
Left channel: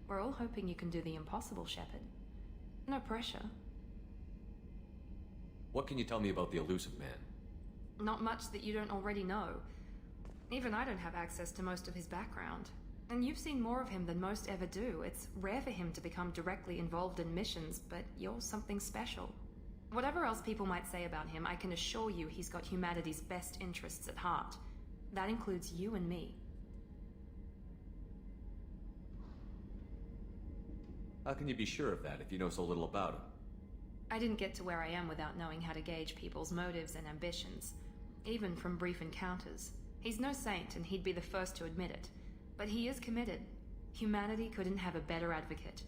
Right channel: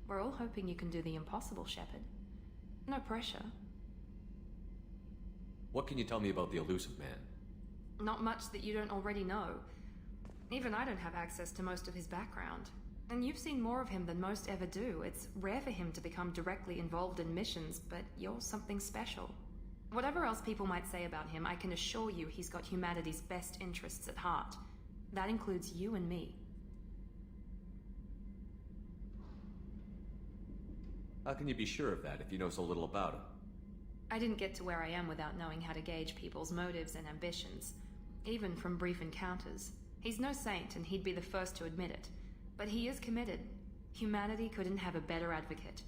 We're all hoping you can do the impossible, Shepard. No pressure. What can you tell me about the elusive man? Not much that you don't already know. Even I don't have access to most of his background. And you've seen more of him than most ever do. It's rare for him to become directly involved in missions, but you're something special. Whatever else people might say about him, I can assure you he's got humanity's best interests at heart. That includes you and me. How can you be sure of that if you know so little about him? I didn't get to where I am without knowing how to gauge people's motives and ambitions. Even from brief encounters. He's no saint, and he'd be the first to admit it. But he is committed. Humanity couldn't have a better advocate.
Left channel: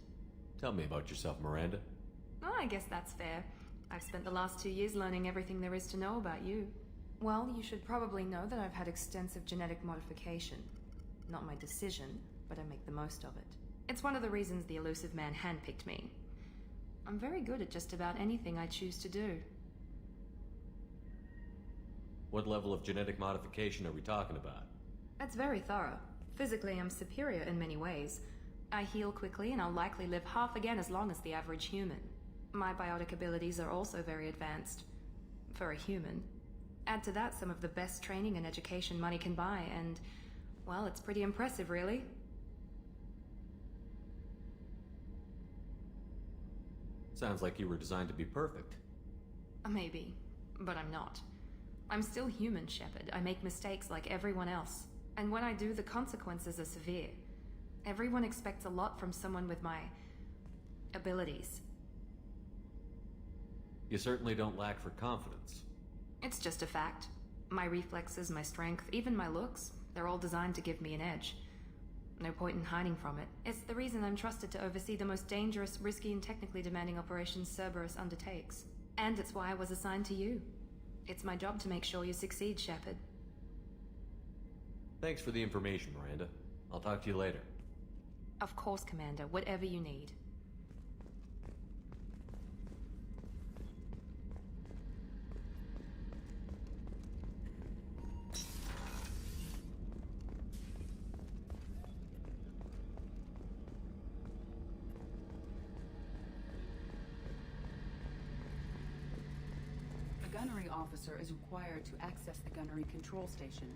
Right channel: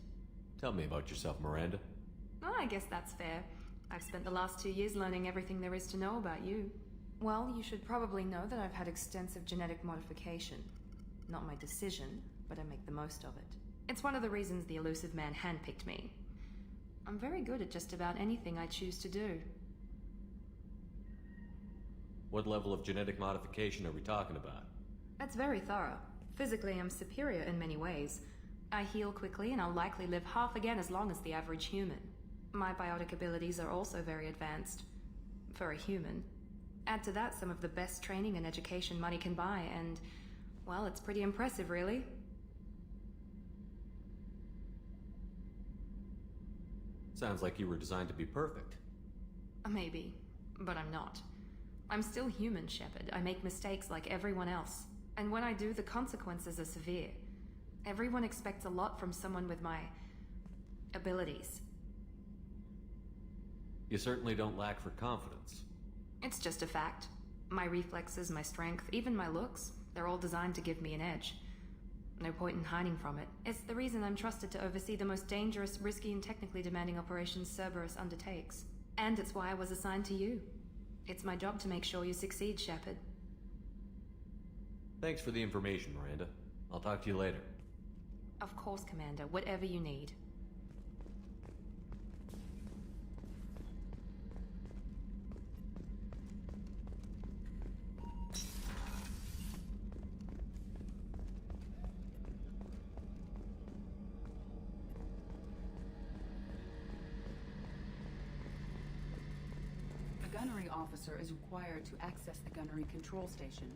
Tell me about yourself, Miranda. Oh, I guess that's fair. I've spent the last 2 years learning everything there is to know about you. Well, you should probably know that I've had extensive genetic modification. Not my decision, but I make the most of it. It's one of the reasons the elusive man handpicked me. I'm very good at just about anything I choose to do. What level of genetic modification are we talking about? That's very thorough. Physically, I'm superior in many ways. I heal quickly, and I'll likely live half again as long as the average human. My biotic abilities are also very advanced. For a human. Add to that some of the best training and education money can buy, and, well, it's pretty impressive, really. Sounds like you were designed to be perfect. Maybe, but I'm not. I'm still human, Shepard. I make mistakes like everyone else. And when I do, the consequences are severe. Everyone expects a lot from someone with my abilities. You certainly don't lack for confidence. It's just a fact. My reflexes, my strength, even my looks, they're all designed to give me an edge. No point in hiding from it. It's the reason I'm trusted to oversee the most dangerous, risky, and technically demanding operations Cerberus undertakes. And it's why I was assigned to you. It's my job to make sure you succeed, Shepard. Thanks for the information, Miranda. I'll talk to you later. Of course, Commander. Whatever you need. A gunnery officer is required to access the gunnery control station.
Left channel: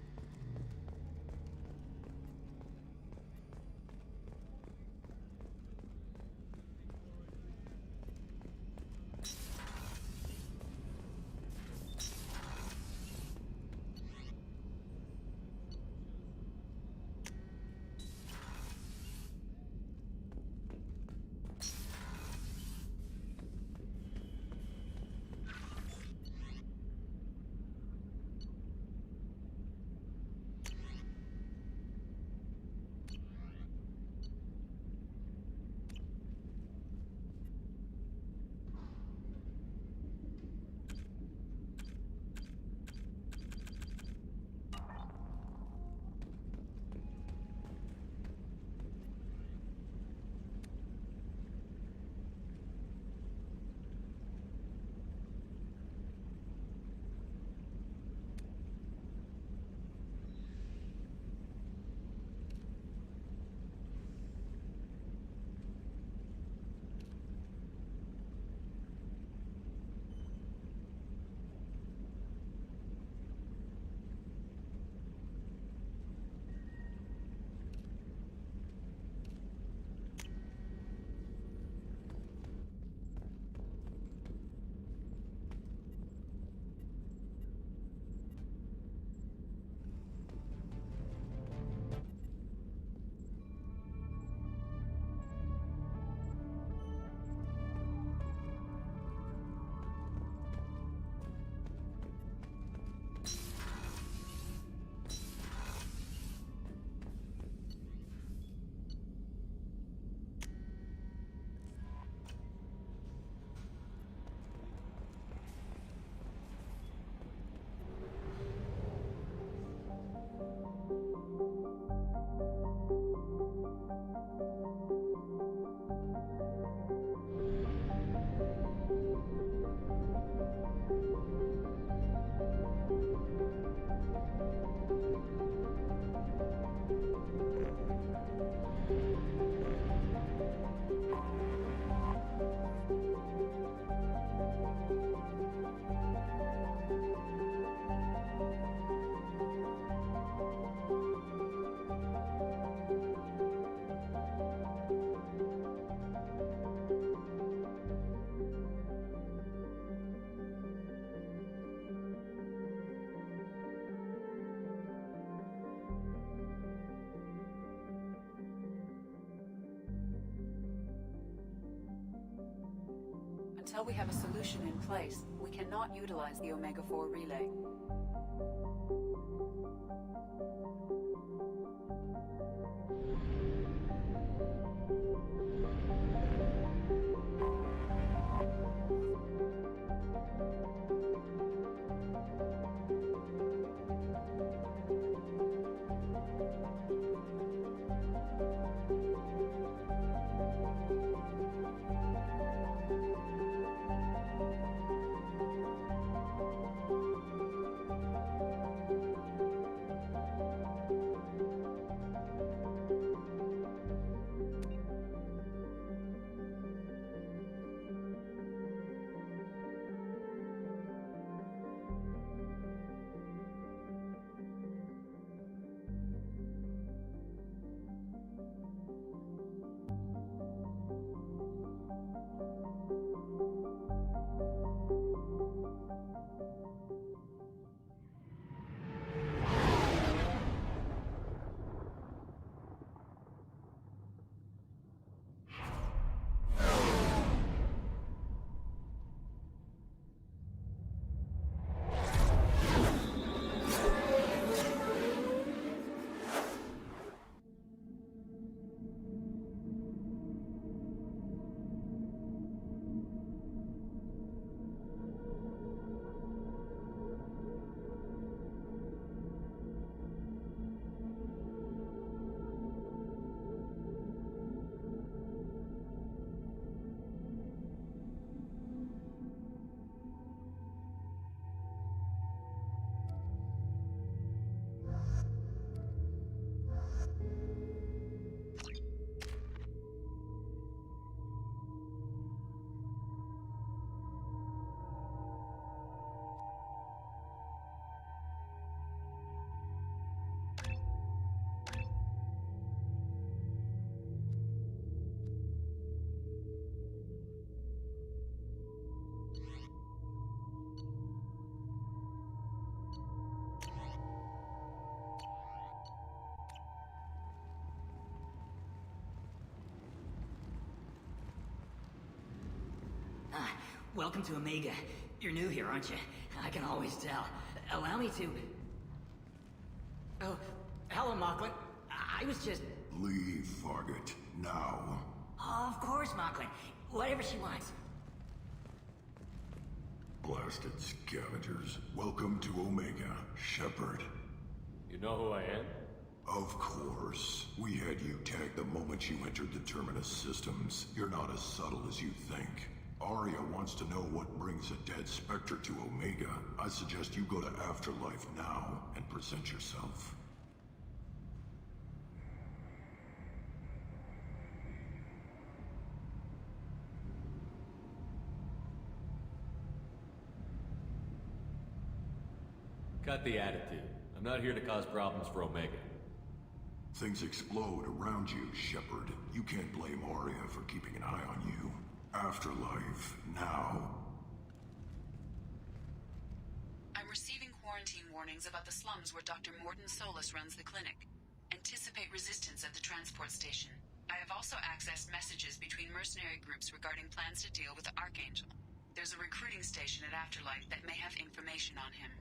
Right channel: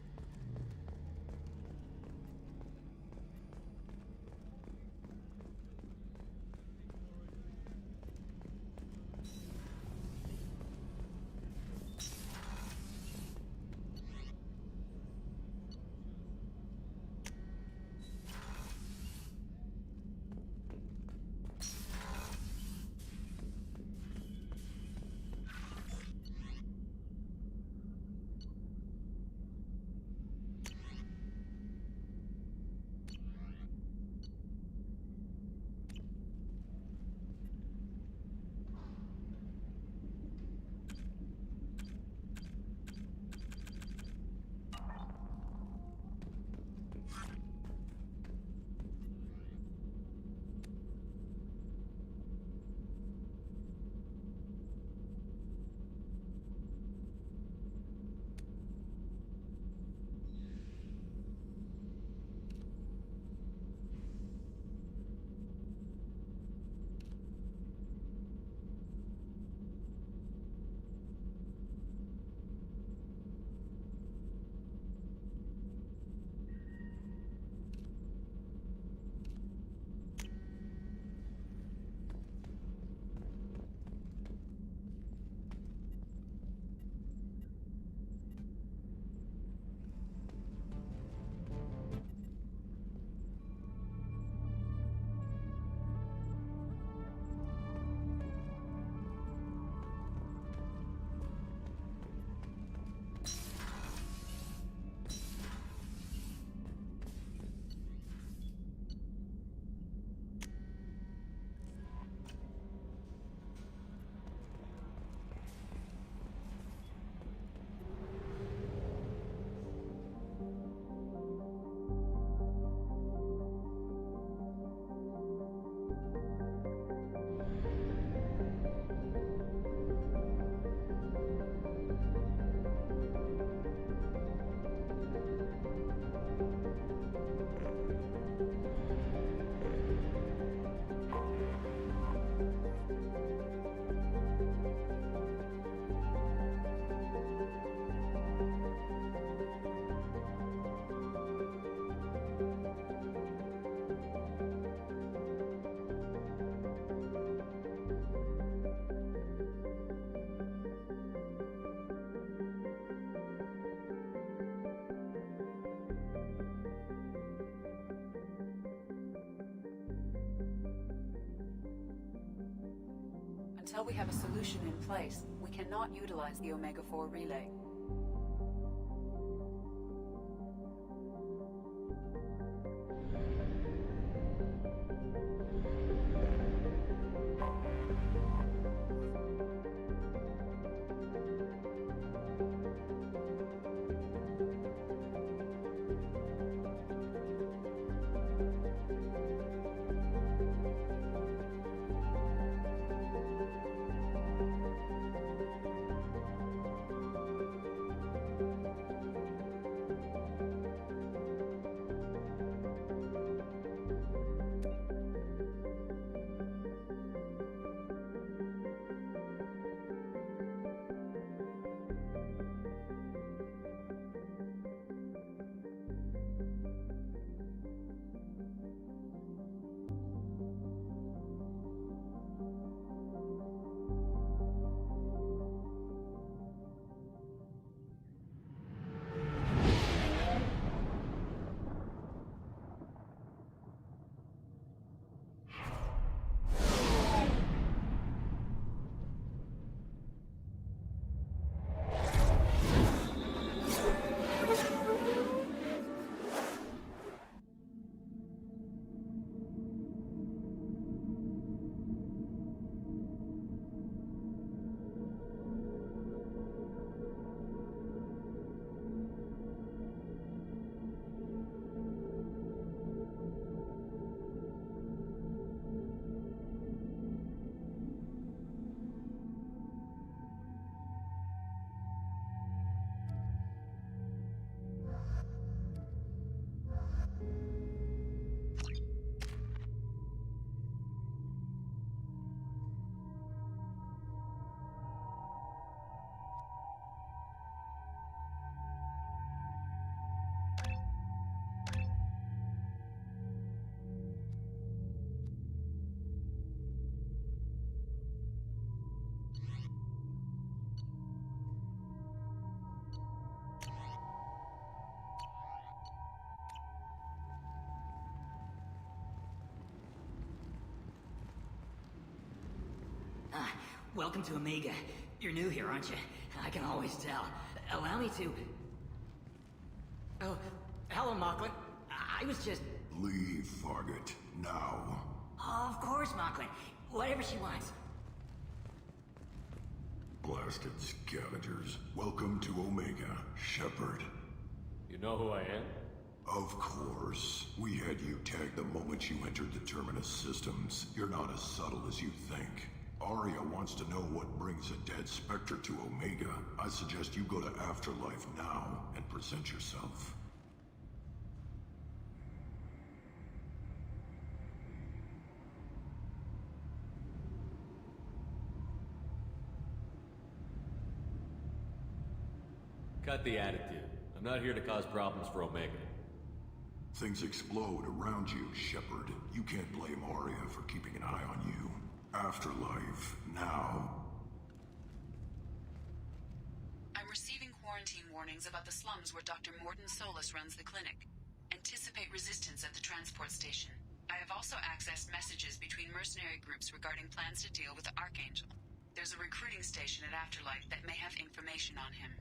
Until we have a solution in place, we cannot utilize the Omega-4 relay. Welcome to Omega. You're new here, aren't you? I can always tell. Allow me to... Oh, hello, Mocklin. I was just... Leave, Fargate. Now. Oh, of course, Mocklin. Whatever she wants. Blasted scavengers. Welcome to Omega, Shepard. You know who I am? Of course. We had you tagged the moment you entered the Terminus systems. You're not as subtle as you think. Arya wants to know what brings a dead Spectre to Omega. I suggest you go to Afterlife now and present yourself. Cut the attitude. I'm not here to cause problems for Omega. Things explode around you, Shepard. You can't blame Arya for keeping an eye on you. Afterlife, now. I'm receiving quarantine warnings about the slums where Dr. Morton Solus runs the clinic. Anticipate resistance at the transport station. I have also accessed messages between mercenary groups regarding plans to deal with the Archangel. There's a recruiting station at Afterlife that may have information on him.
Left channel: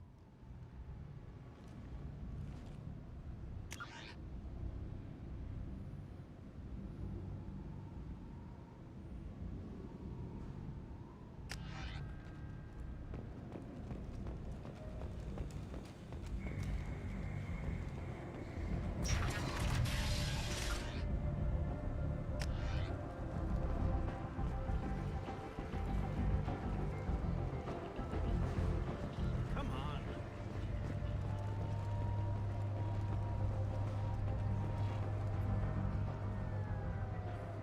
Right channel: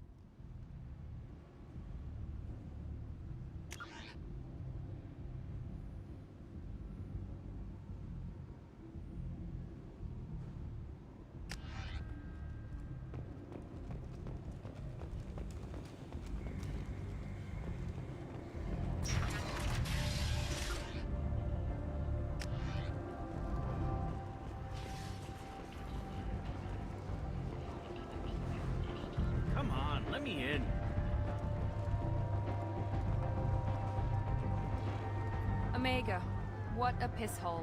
What a piss hole.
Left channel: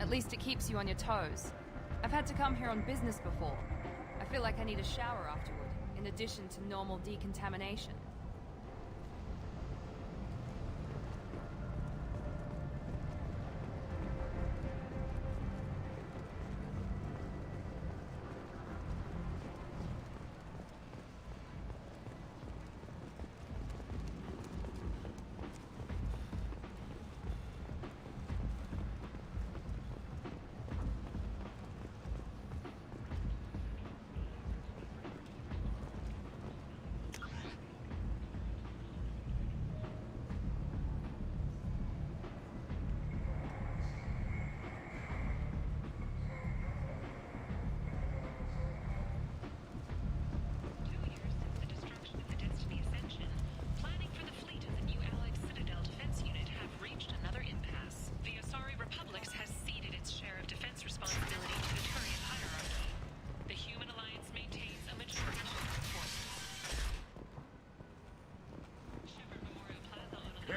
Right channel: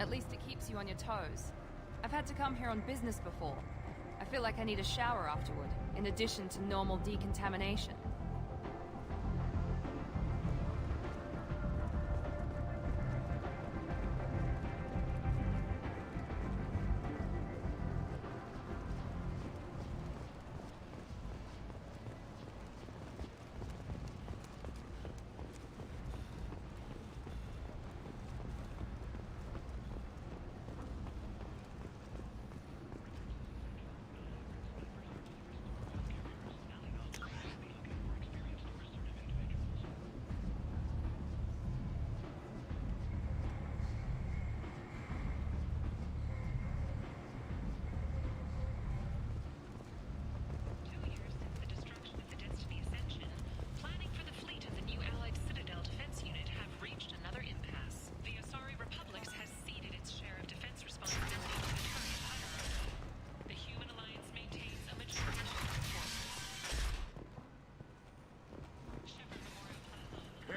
At least it keeps you on your toes. I've had to come here on business before. I feel like I need a shower afterward, in addition to normal decontamination.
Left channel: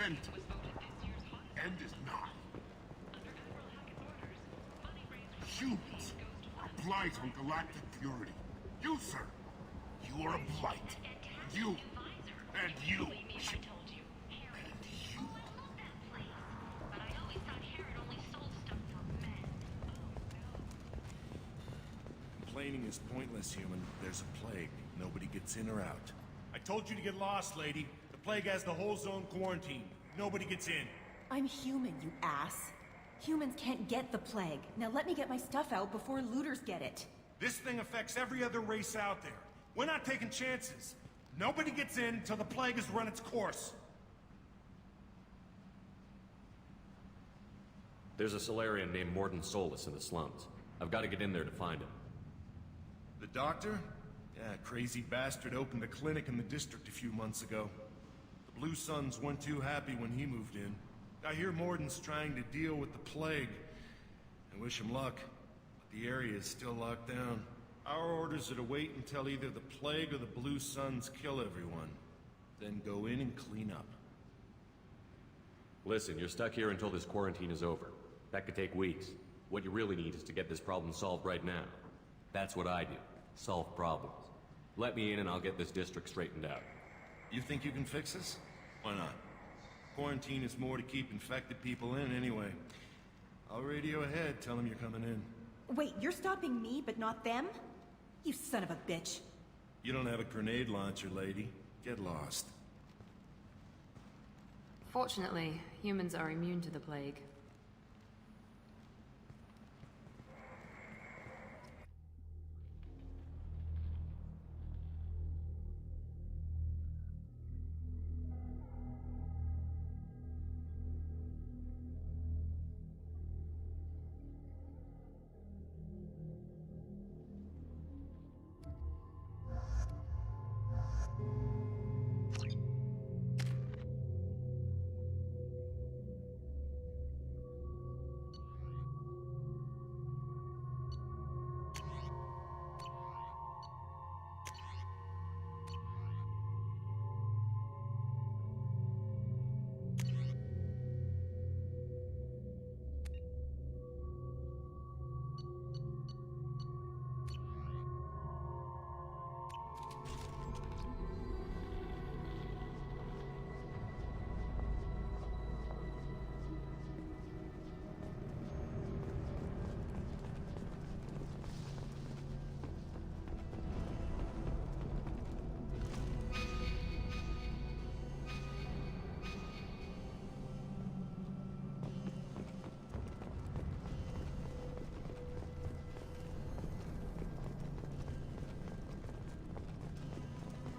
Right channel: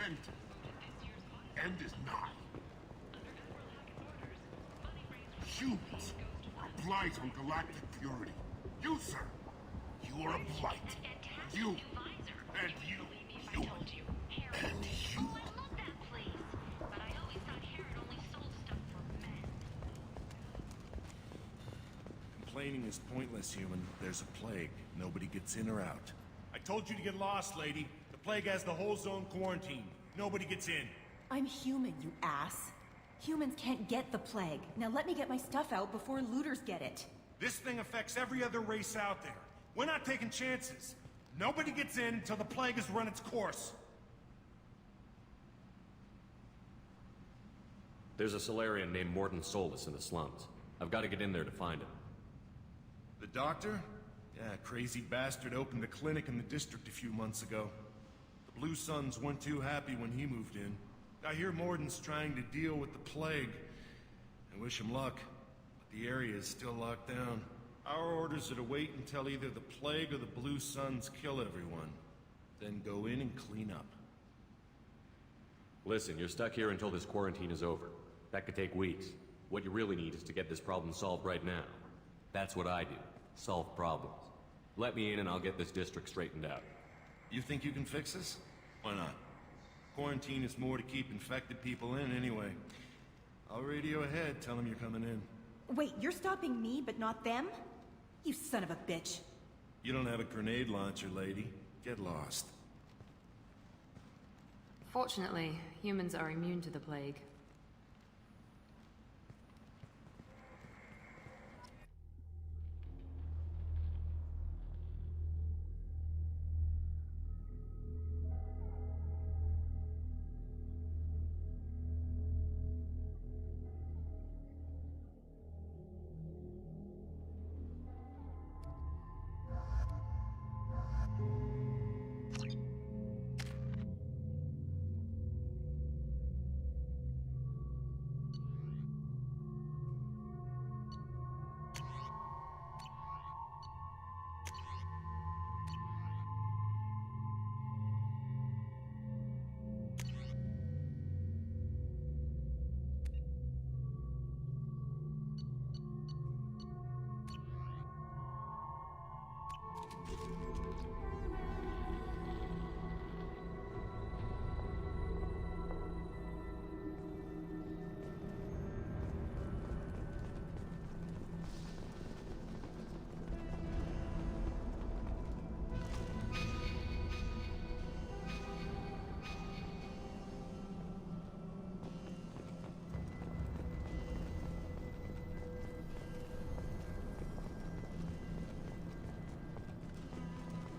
end. End is nigh. Humans are a blight on galactic purity. You, sir, you are a blight. And you, human. And you. Complaining is pointless, human. There's a plague. Nobody gets in or out. I told you to get lost, lady. The plague has the whole zone quarantined. Nobody gets in. I'm human, you ass. Humans can't get the plague. Now let me get my stuff out before looters get it. This thing affects every other race out there. We're not taking chances. Nobody gets in until the plague has run its course. There's a Solarian named Morden Solus in the slums. I've got to get in there to find him. The doctor? Yeah, crazy bastard opened a clinic in the district a few months ago. The Blue Suns weren't too happy when he moved in. I hear Morden's trying to deal with the plague. I wish him luck, but the area is still locked down. Our orders are to wait until either the plague or the Blue Suns kill everyone. Then go in and clean up. Listen, you're stuck here until this quarantine is over. That could take weeks. What you really need is to get this problem solved right now. That's what I do. Solve problems. Let me in and I'll get this district straightened out. You think you can fix this? Why not? Quarantine is more to keep infected people in anyway. I'll radio ahead, tell them you're coming in. Wait, you're stopping me, but not them? You son of a bitch. You don't have a grenade launcher, lady. Get lost. Fortunately, humans are immune to the plague.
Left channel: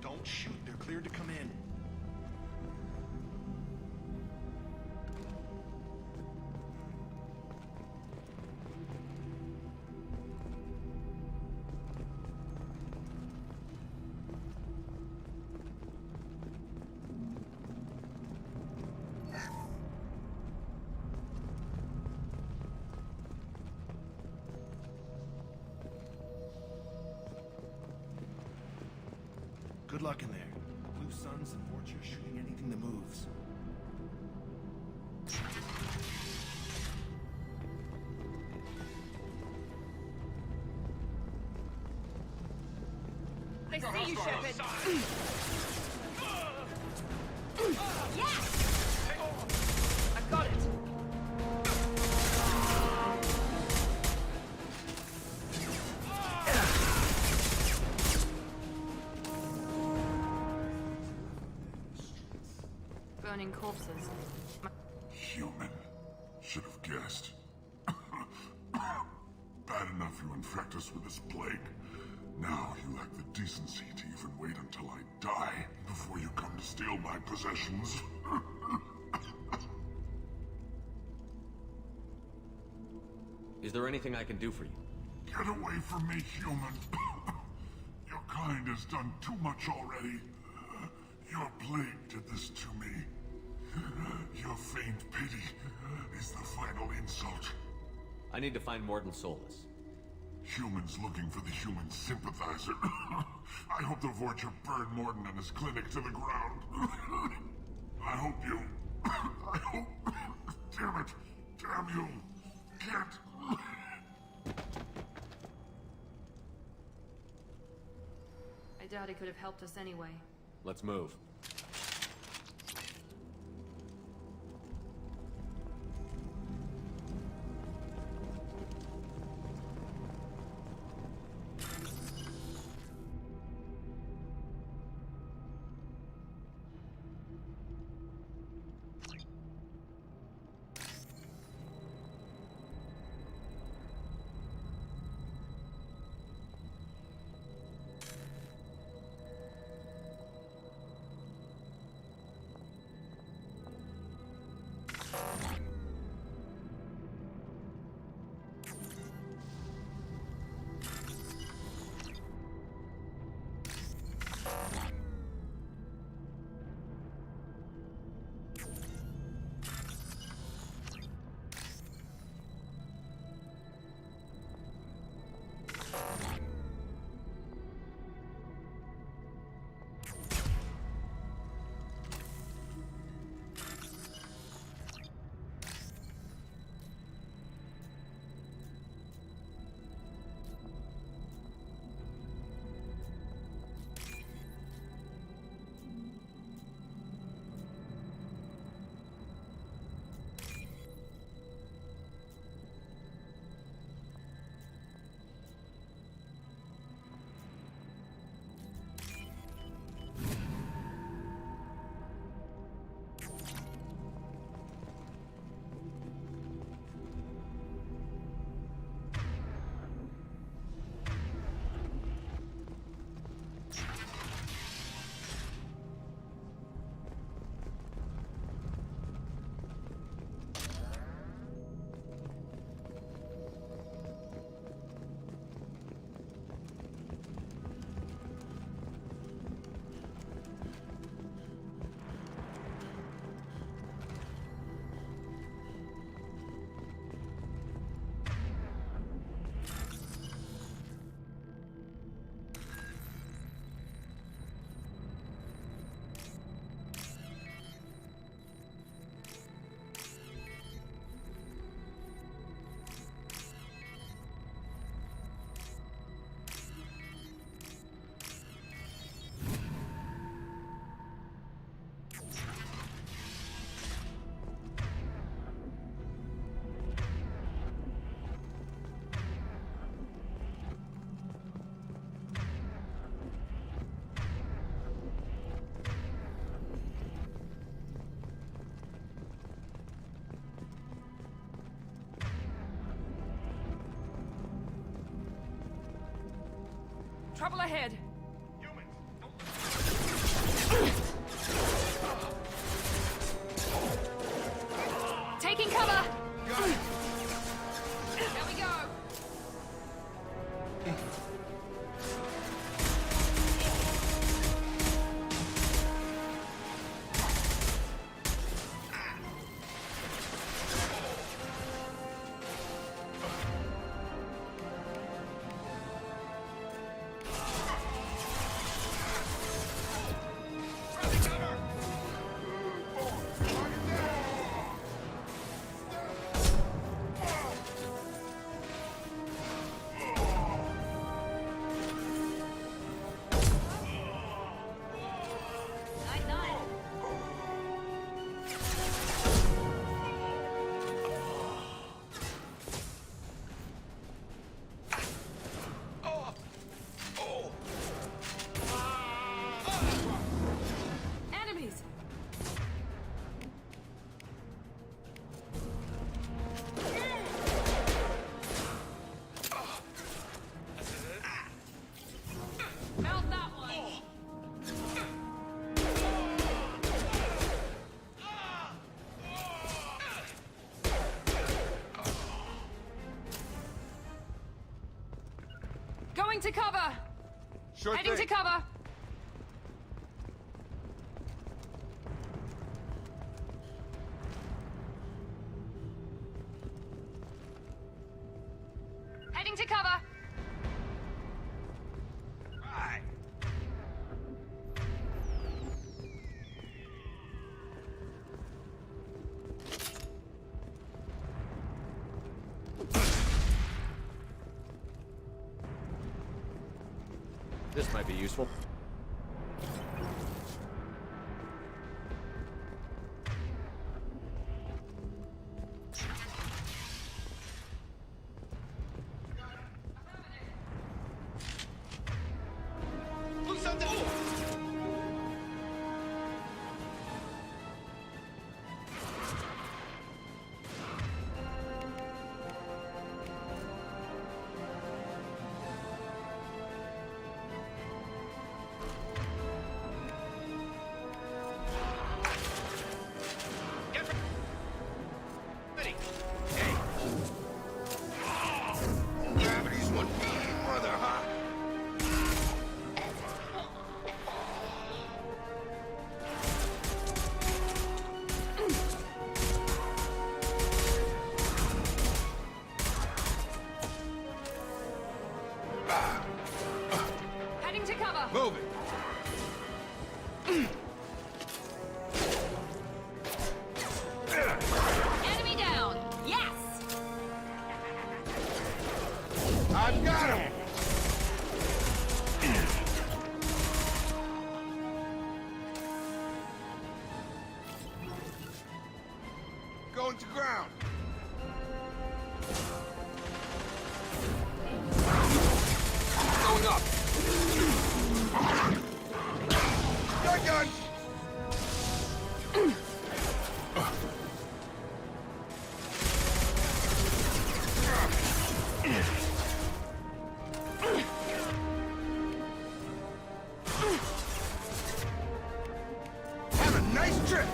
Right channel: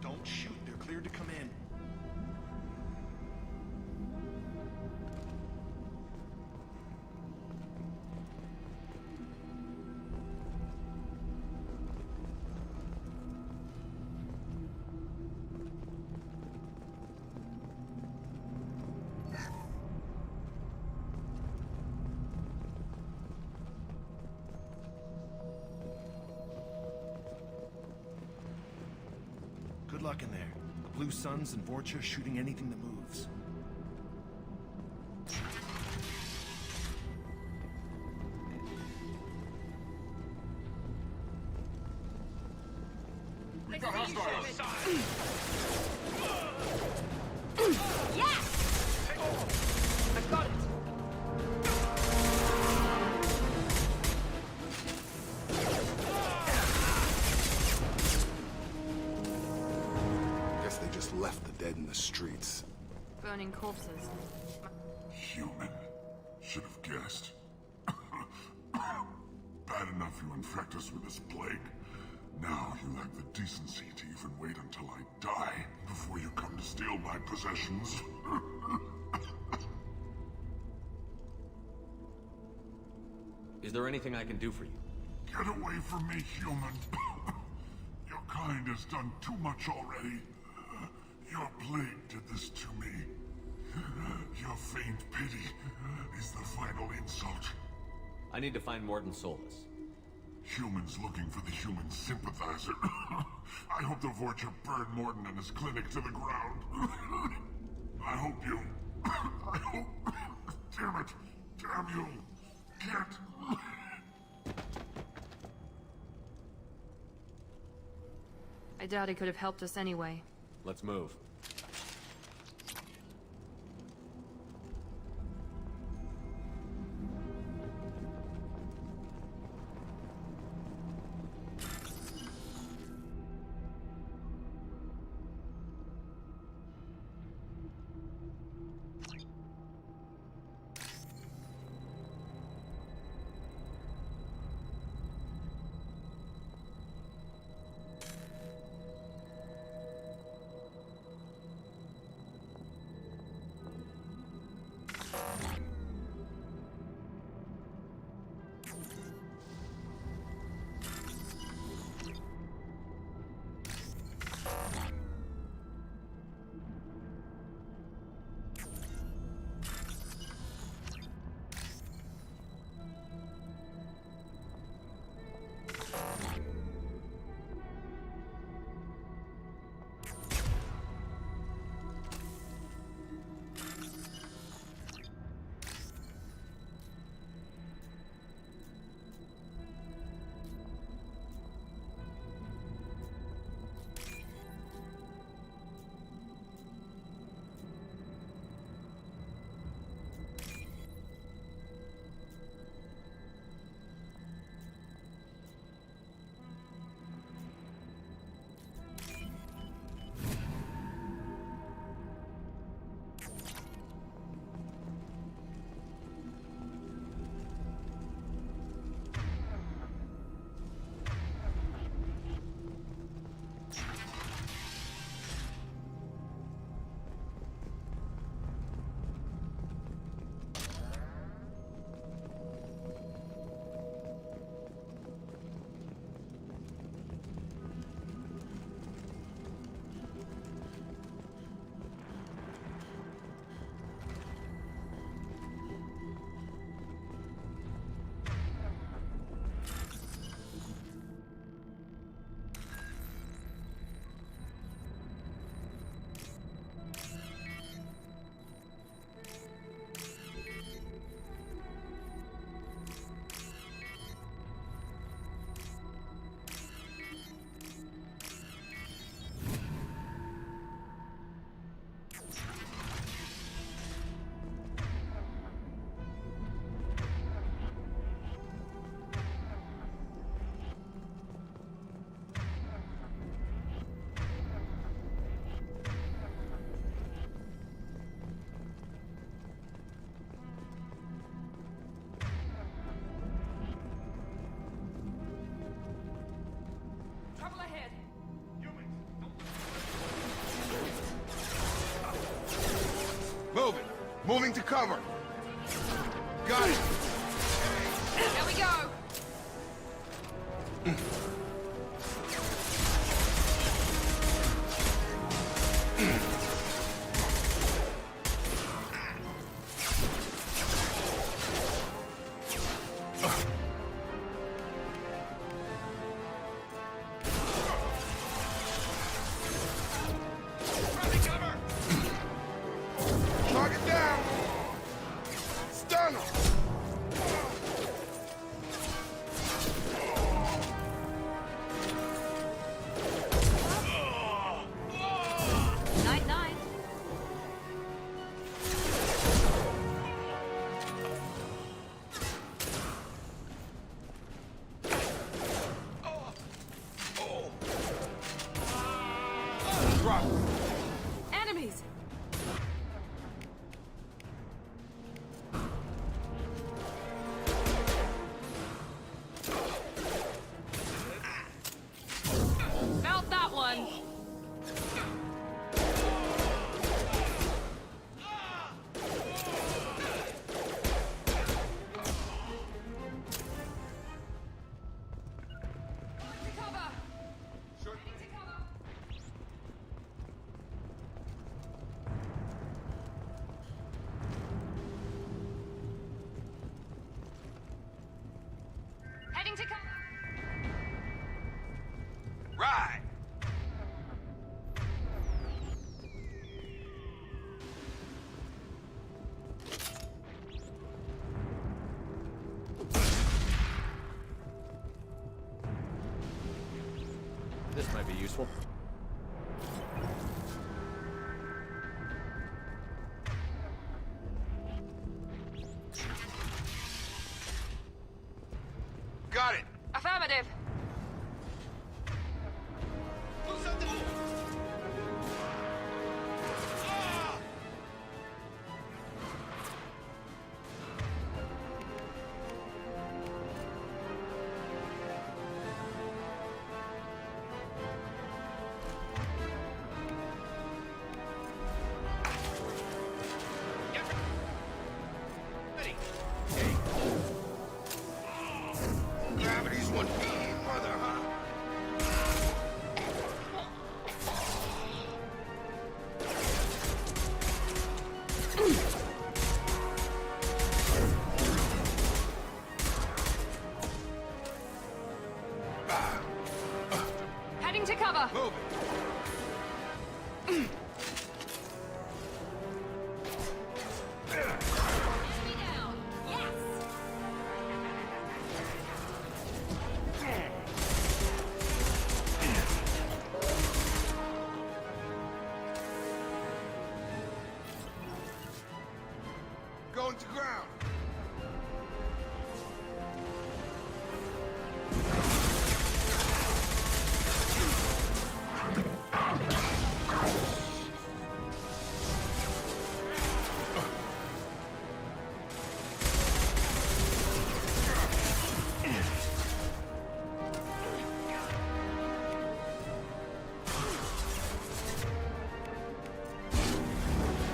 Don't shoot, they're cleared to come in. Good luck in there. The Blue Suns and Vorcha shooting anything that moves. I see you, Shepard. Yes! I got it. Guess they just left the dead in the streets. Burning corpses. Human. Should have guessed. Bad enough you infect us with this plague. Now you lack the decency to even wait until I die before you come to steal my possessions. Is there anything I can do for you? Get away from me, human. Your kind has done too much already. Your plague did this to me. Your faint pity is the final insult. I need to find Morden Solus. Humans looking for the human sympathizer. I hope the Vorcha burn Morden and his clinic to the ground. I hope you I hope... Damn it. Damn you. Can't... I doubt he could have helped us anyway. Let's move. Trouble ahead! Move! Moving to cover! Taking cover! Got it! There we go! Target down! Stun him! Night, night. Drop. Enemies! Felt that one! Going to cover! Sure Heading thing. to cover! Heading to cover! Right! This might be useful. Got it. Affirmative. Who's on the move? Ready. Hey. Gravity's one big brother, huh? Heading to cover. Move it. Enemy down. Yes. I've got him. Going to ground. Going up. Shotgun. Have a nice trip.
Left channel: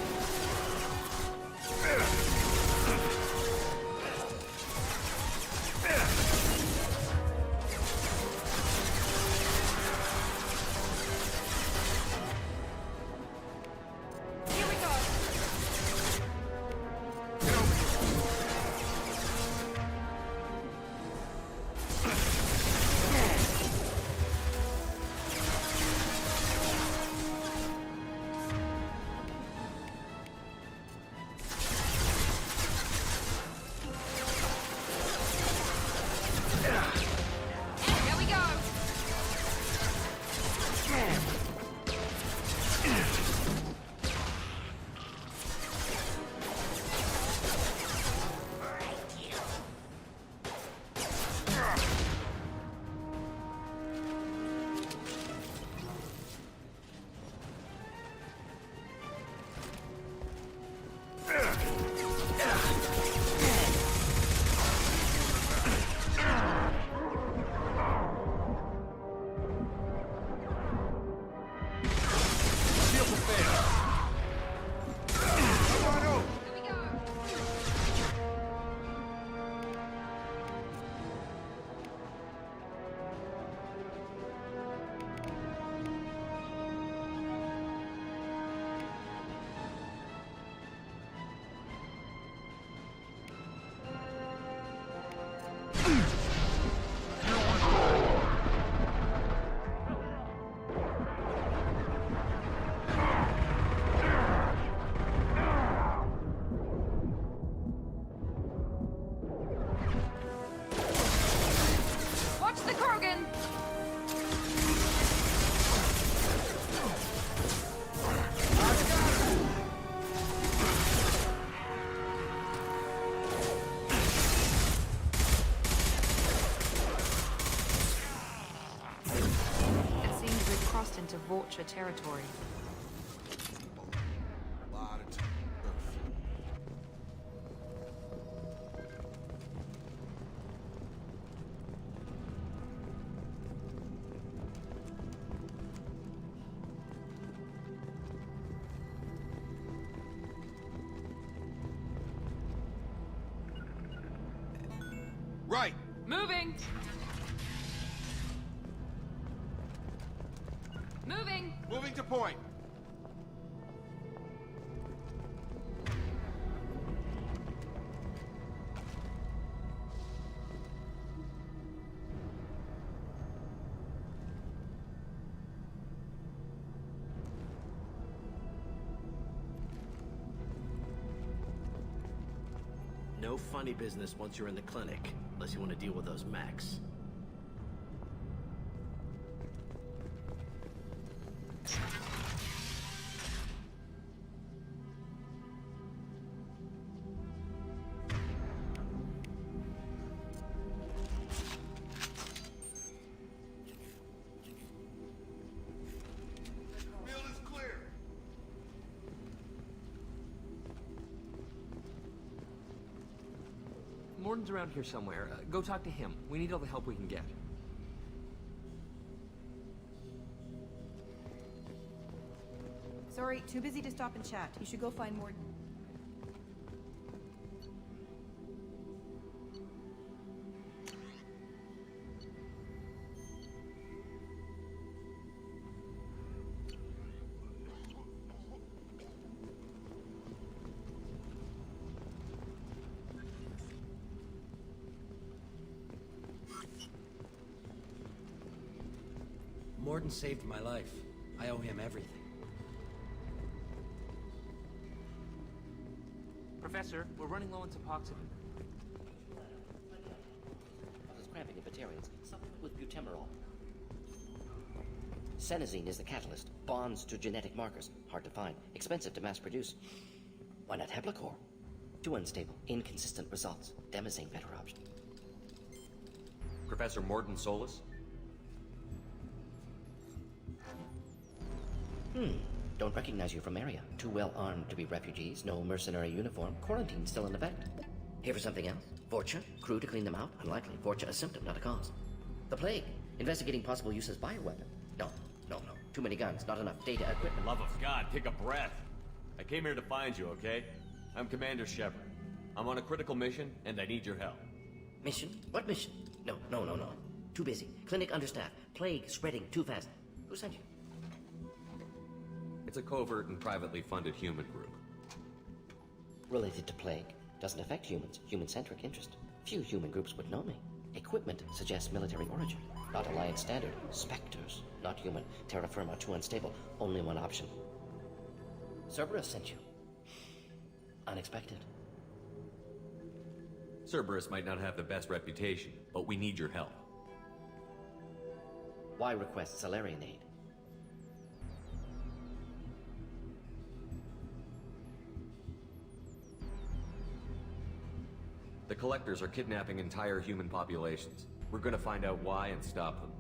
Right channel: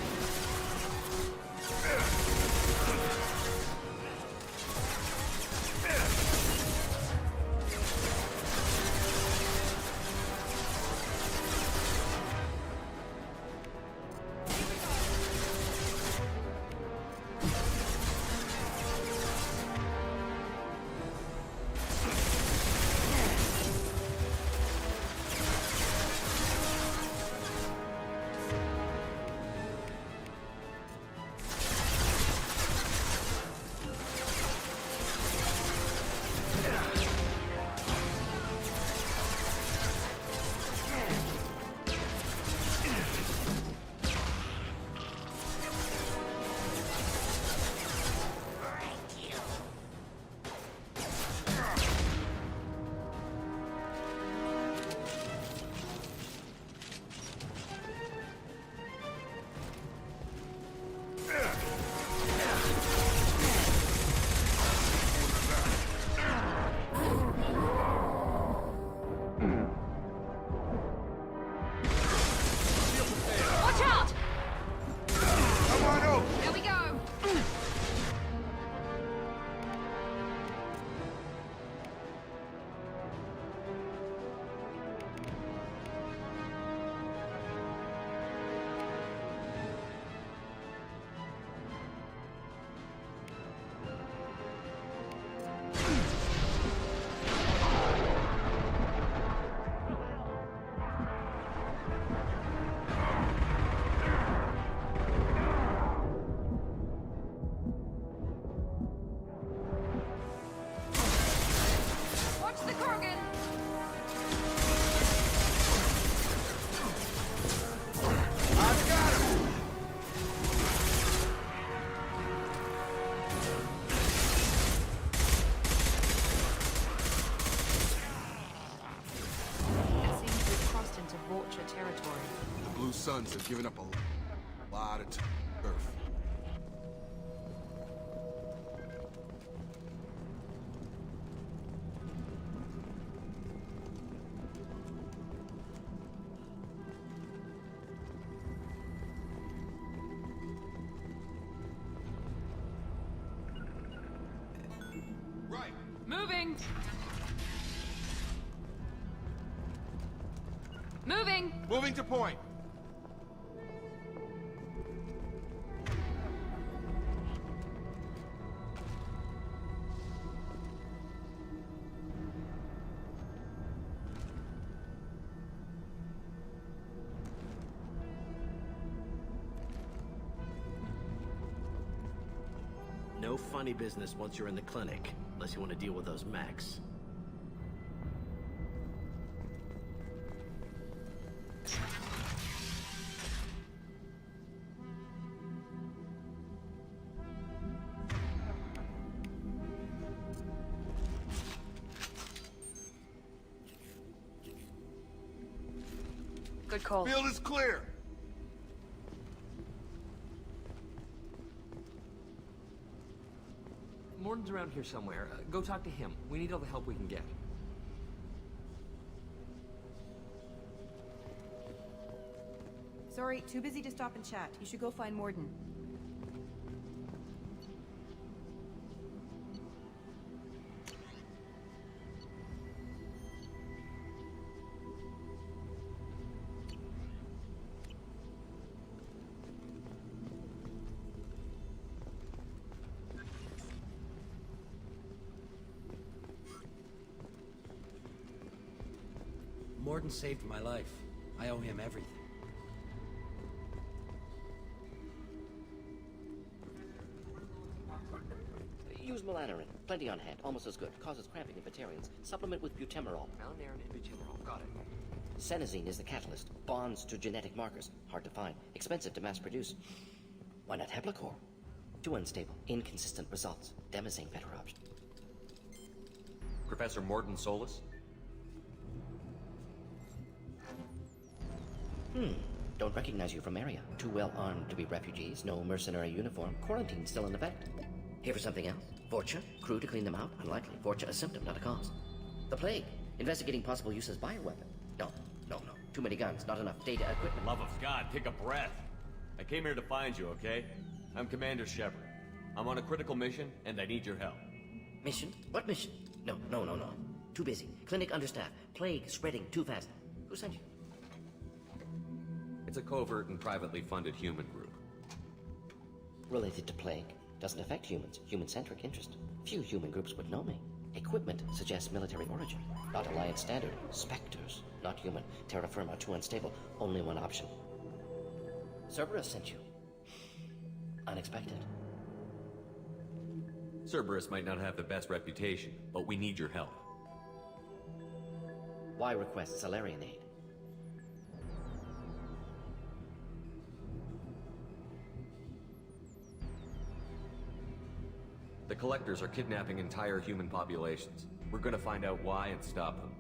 Here we go. Here we go. Watch out! Come on over. There we go. Watch the Krogan. I've got him. It seems we've crossed into Vulture territory. The Blue Suns have given up a lot of turf. Right. Moving. Moving. Moving to point. No funny business once you're in the clinic, unless you want to deal with those mechs. Good call. Field is clear. Morton's around here somewhere. Go talk to him. We need all the help we can get. Sorry, too busy to stop and chat. You should go find Morden. Morden saved my life. I owe him everything. Professor, we're running low on Suboxone. Use melanorin. Plenty on hand. Almost as good. Causes cramping in vegetarians. Supplement with butemerol. Melanorin and butemerol. Got it. Senesine is the catalyst. Bonds to genetic markers. Hard to find. Expensive to mass produce. Why not Heplicor? Too unstable. Inconsistent results. Demazine better option. Professor Morton Solus? Don't recognize you from area. Too well armed to be refugees. No mercenary uniform. Quarantine still in effect. Here for something else? Vorcha? Crew to clean them out? Unlikely. Vorcha a symptom, not a cause. The plague. Investigating possible use as bioweapon. No. Too many guns. Not enough data, equipment. Love of God, take a breath. I came here to find you, okay? I'm Commander Shepard. I'm on a critical mission, and I need your help. Mission? What mission? No. Too busy. Clinic understaffed. Plague spreading too fast. Who sent you? It's a covert and privately funded human group. Related to plague. Doesn't affect humans. Human-centric interest. Few human groups would know me. Equipment suggests military origin. Not Alliance standard. Spectres. Not human. Terra firma too unstable. Only one option. Cerberus sent you. Unexpected. Cerberus might not have the best reputation, but we need your help. Why request Salarian aid? The Collectors are kidnapping entire human populations. We're gonna find out why and stop them.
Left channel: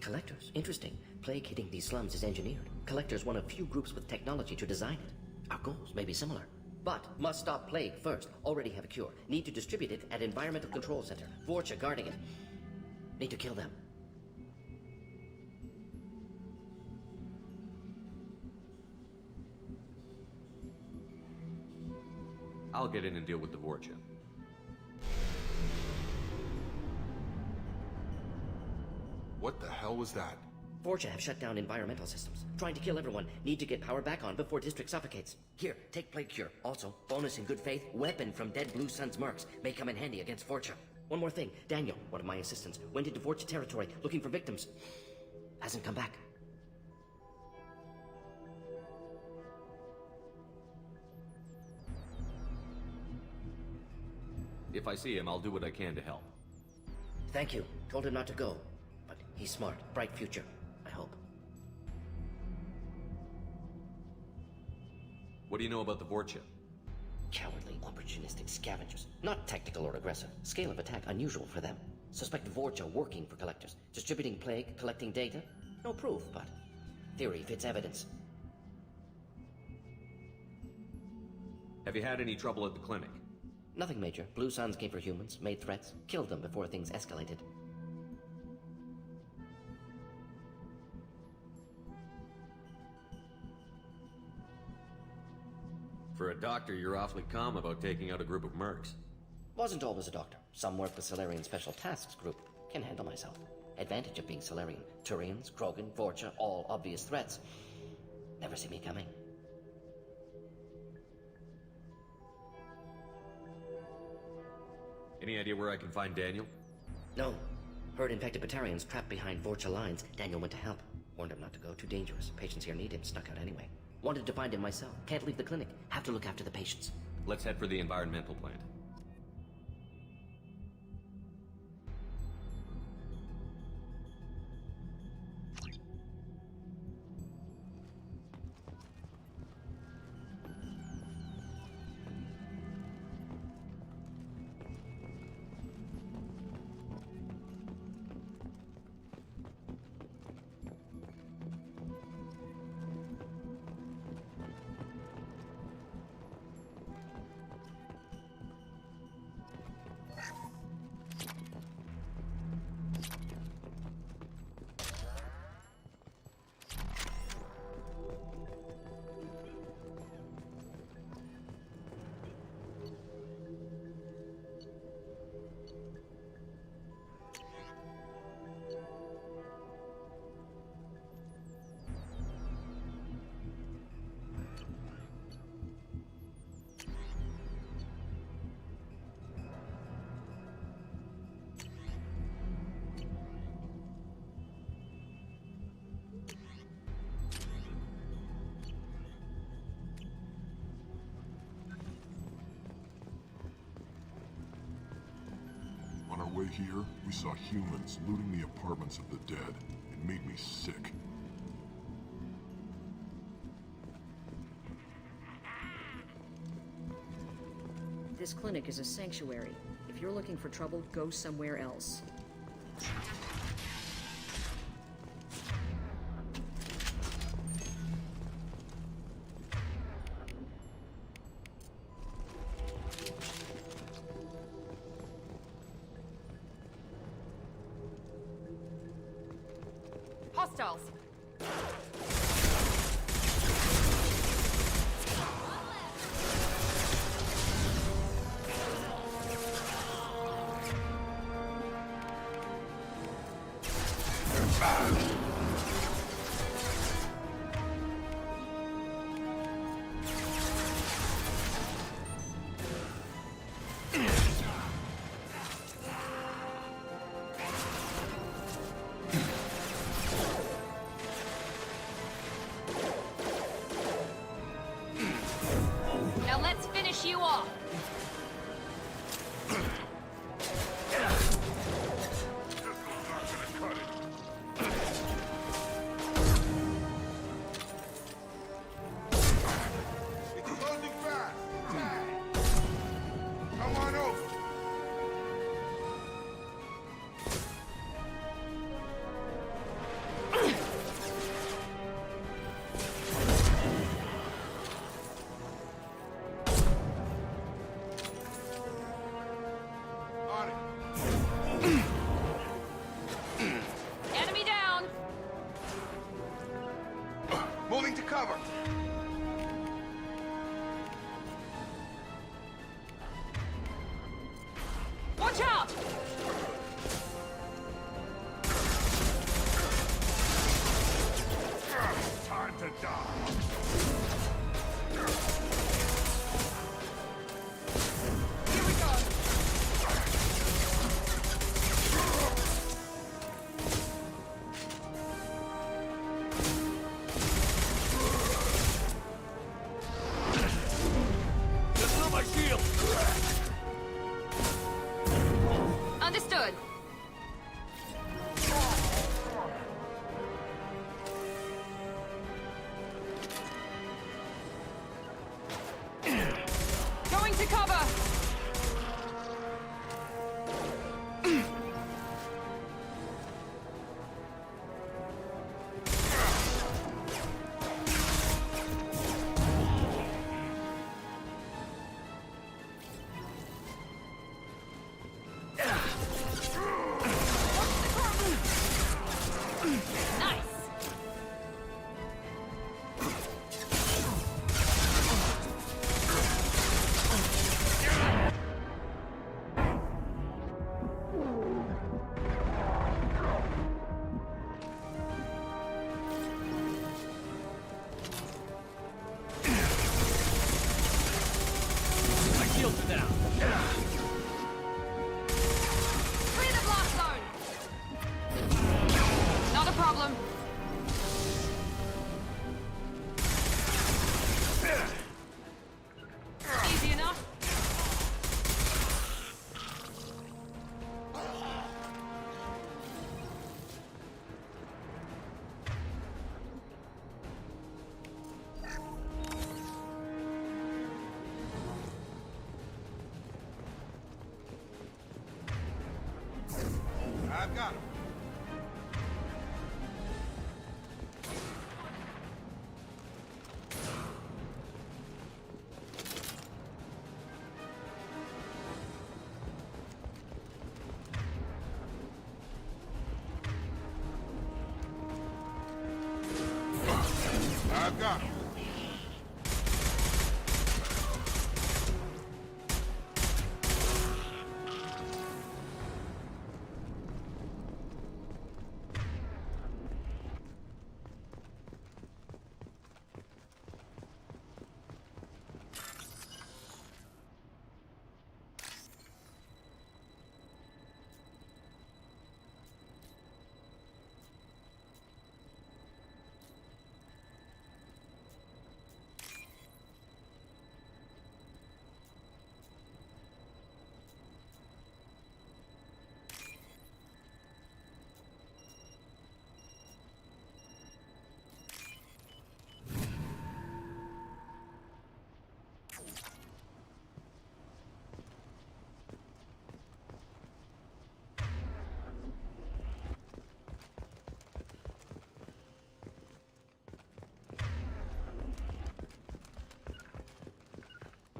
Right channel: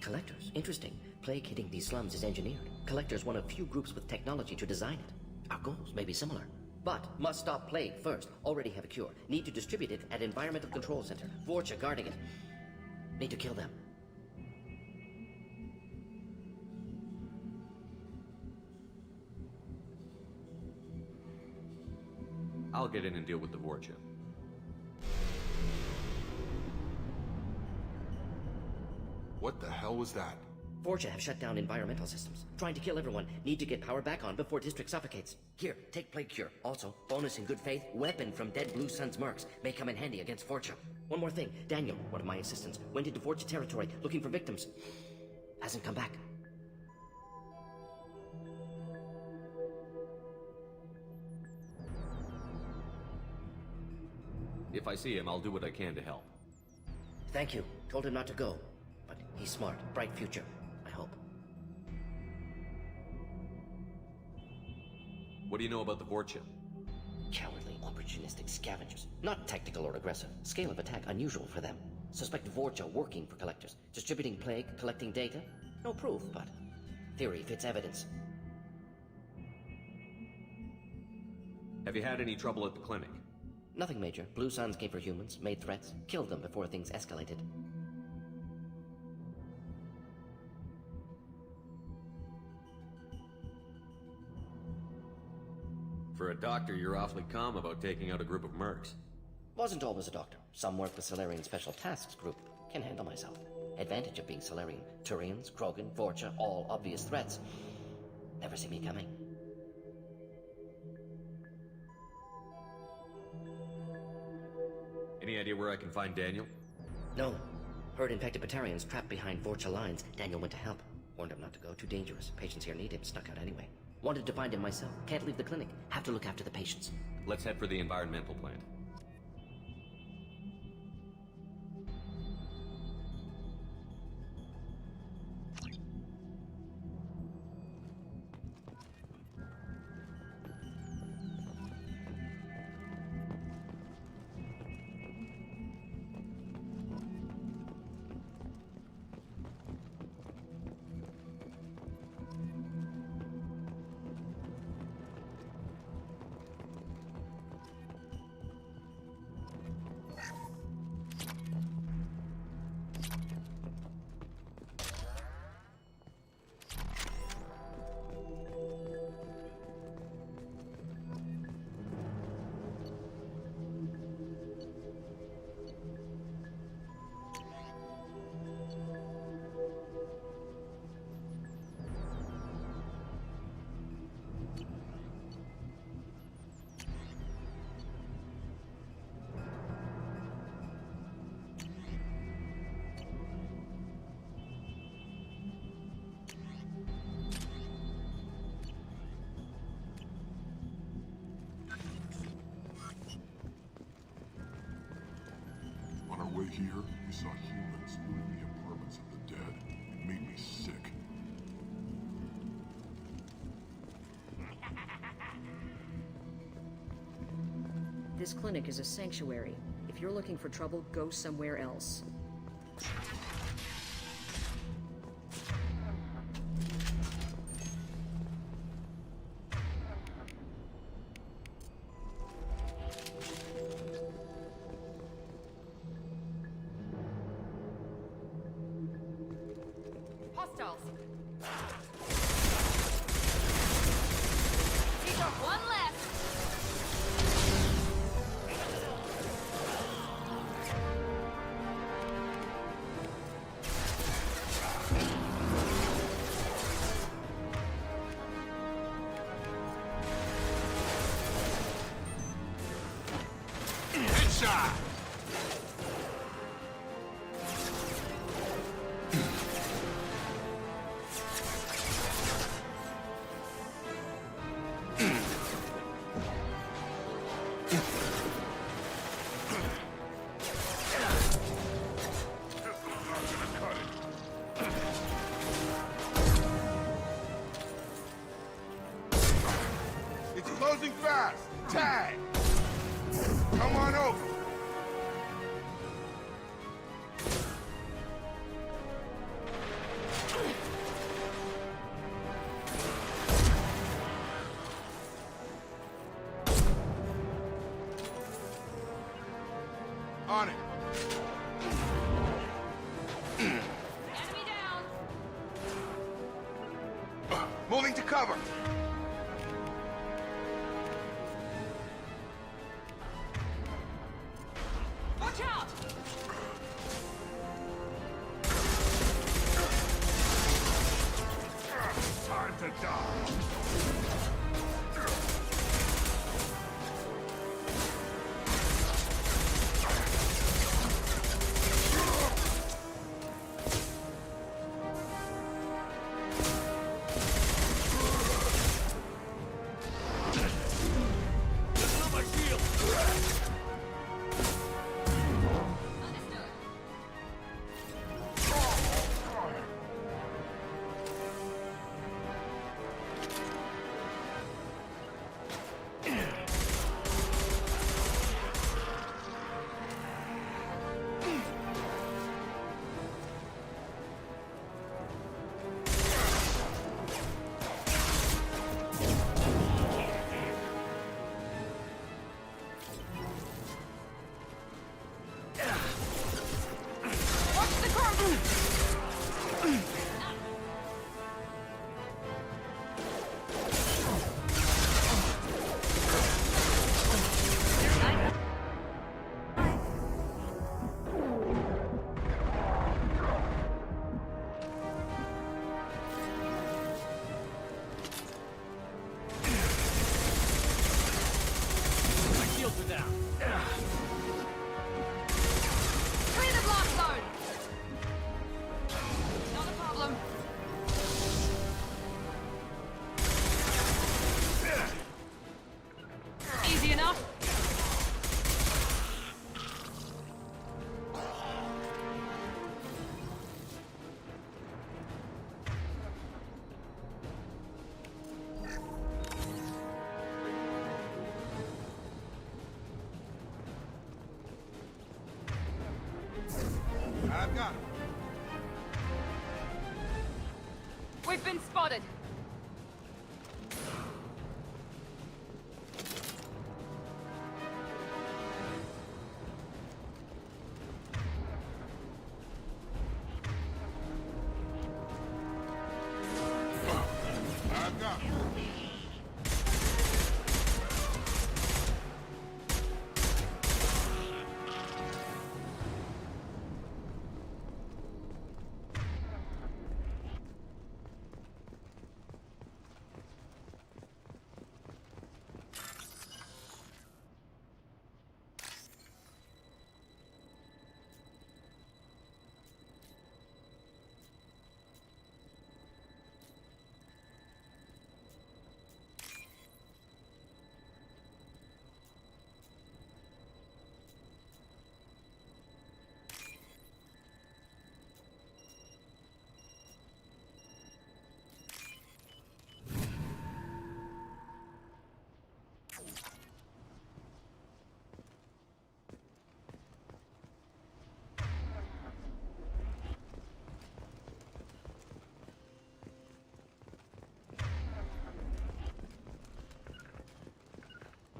Collectors? Interesting. Plague hitting these slums is engineered. Collectors one of few groups with technology to design it. Our goals may be similar. But must stop plague first. Already have a cure. Need to distribute it at Environmental Control Center. Vorcha guarding it. Need to kill them. I'll get in and deal with the Vorcha. What the hell was that? Vorcha have shut down environmental systems. Trying to kill everyone. Need to get power back on before district suffocates. Here, take plague cure. Also, bonus in good faith, weapon from dead Blue Sun's mercs. May come in handy against Vorcha. One more thing. Daniel, one of my assistants, went into Vorcha territory looking for victims. Hasn't come back. If I see him, I'll do what I can to help. Thank you. Told him not to go. But he's smart. Bright future. I hope. What do you know about the Vorcha? Cowardly, opportunistic scavengers. Not tactical or aggressive. Scale of attack unusual for them. Suspect Vorcha working for Collectors. Distributing plague, collecting data. No proof, but theory fits evidence. Have you had any trouble at the clinic? Nothing major. Blue Suns came for humans, made threats, killed them before things escalated. For a doctor, you're awfully calm about taking out a group of mercs. Wasn't always a doctor. Some work with Salarian Special Tasks Group. Can handle myself. Advantage of being Salarian. Turians, Krogan, Vorcha, all obvious threats. Never see me coming. Any idea where I can find Daniel? No. Heard infected Batarians trapped behind Vorcha lines. Daniel went to help. Warned him not to go. Too dangerous. Patients here need him. Snuck out anyway. Wanted to find him myself. Can't leave the clinic. Have to look after the patients. Let's head for the environmental plant. way here, we saw humans looting the apartments of the dead. It made me sick. This clinic is a sanctuary. If you're looking for trouble, go somewhere else. Hostiles! One left! Headshot! Now let's finish you off! It's closing fast! Tag! Come on over! On it! Enemy down! Moving to cover! Watch out! Time to die. Just not my shield! Understood. Going to cover! Watch the corner! Nice! My shields are down. Clear the blast zone! Not a problem. Easy enough. I've got him. We've been spotted. I've got him.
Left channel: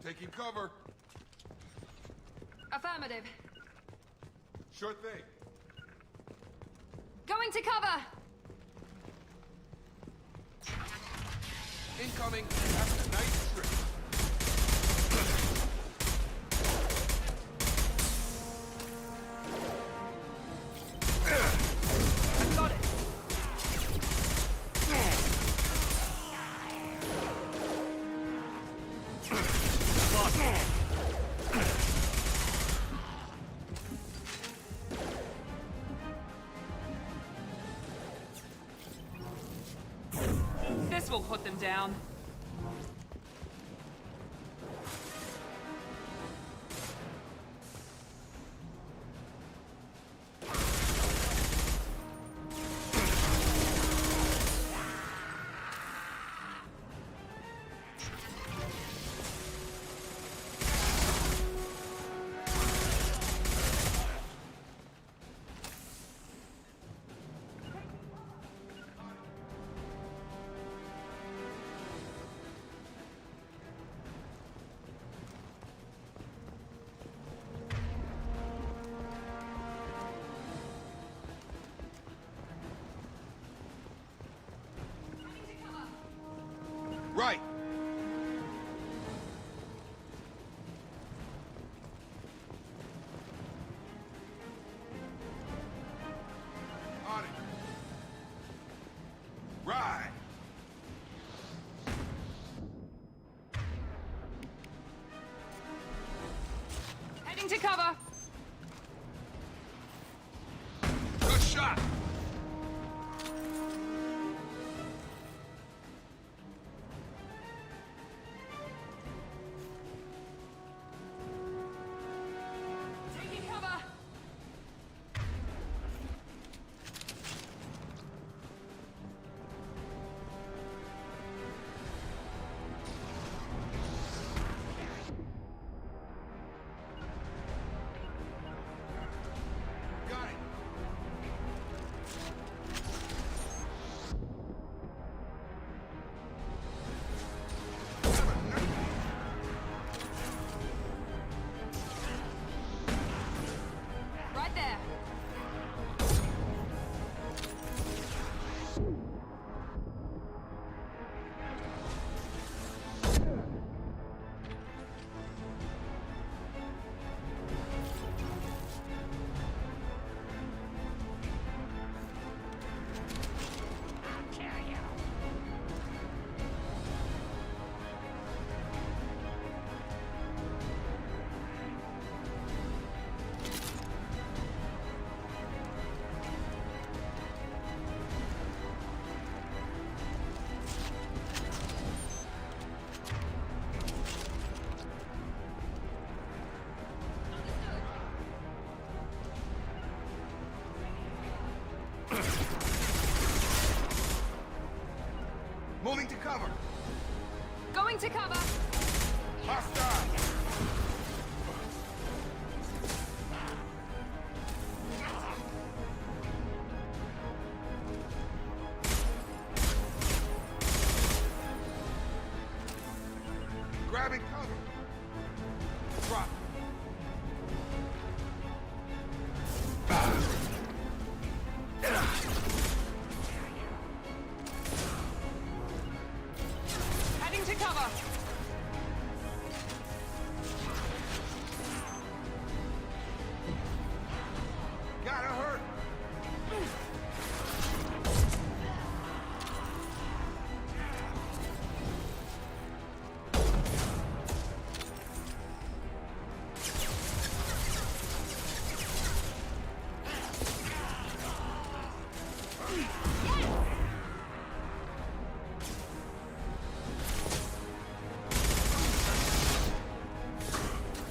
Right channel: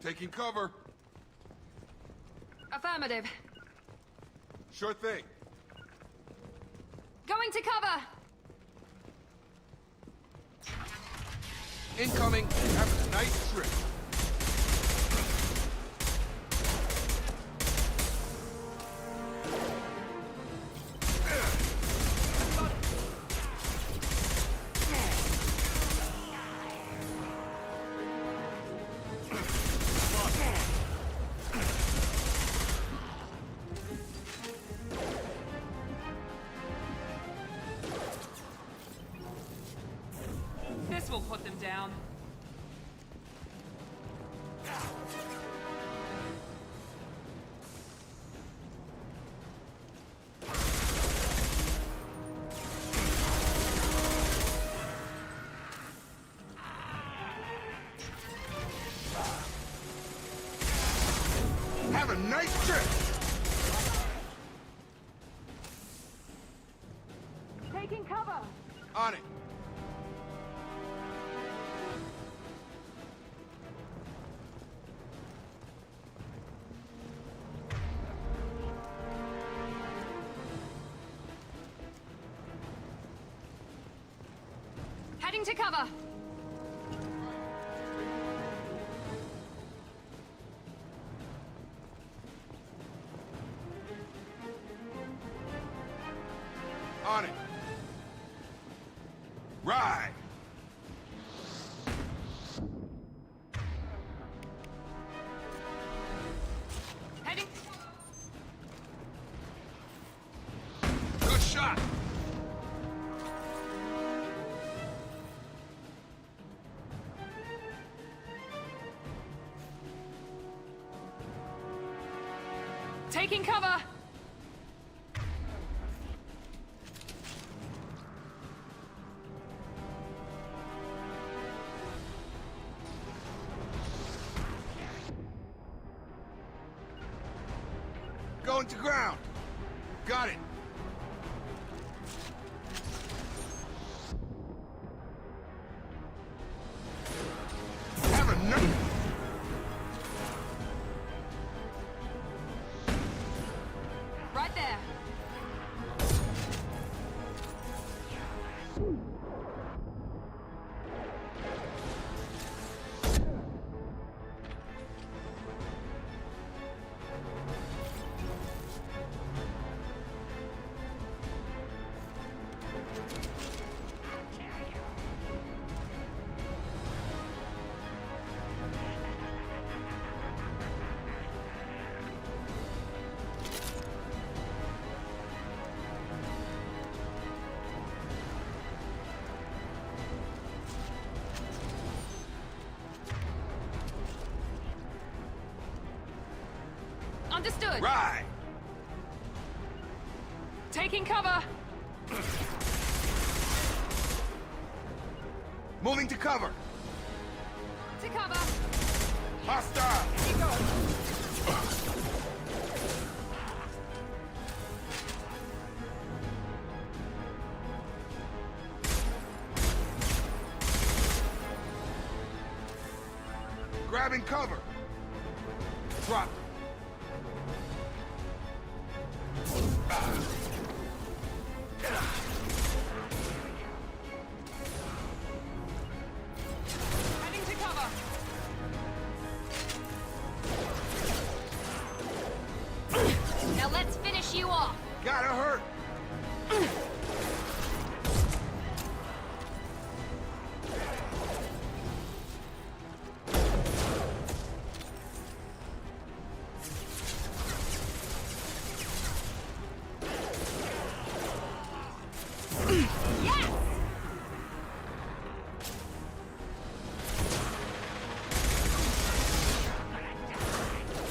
Taking cover. Affirmative. Sure thing. Going to cover! Incoming. Having a nice trip. This will put them down. Have a nice trip. Taking cover! On it. Heading to cover! Right. On it. Right. Heading to cover! Good shot. Taking cover! Going to ground. Got it. Have a nice... Right there! Understood! Right. Taking cover! Moving to cover. Going to cover! Hostile. Grabbing cover. Drop. Heading to cover! Now let's finish you off! Gotta hurt.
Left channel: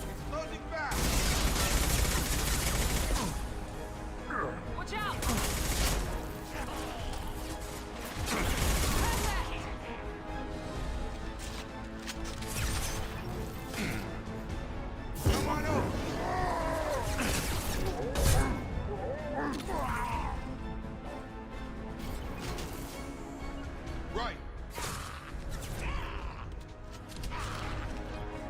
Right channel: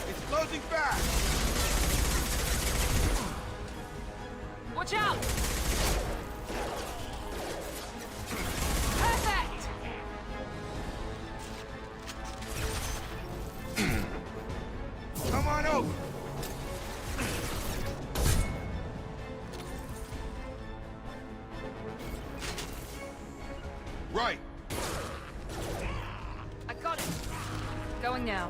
It's closing fast. Watch out! Perfect! Come on over. Right. I got it. Going now.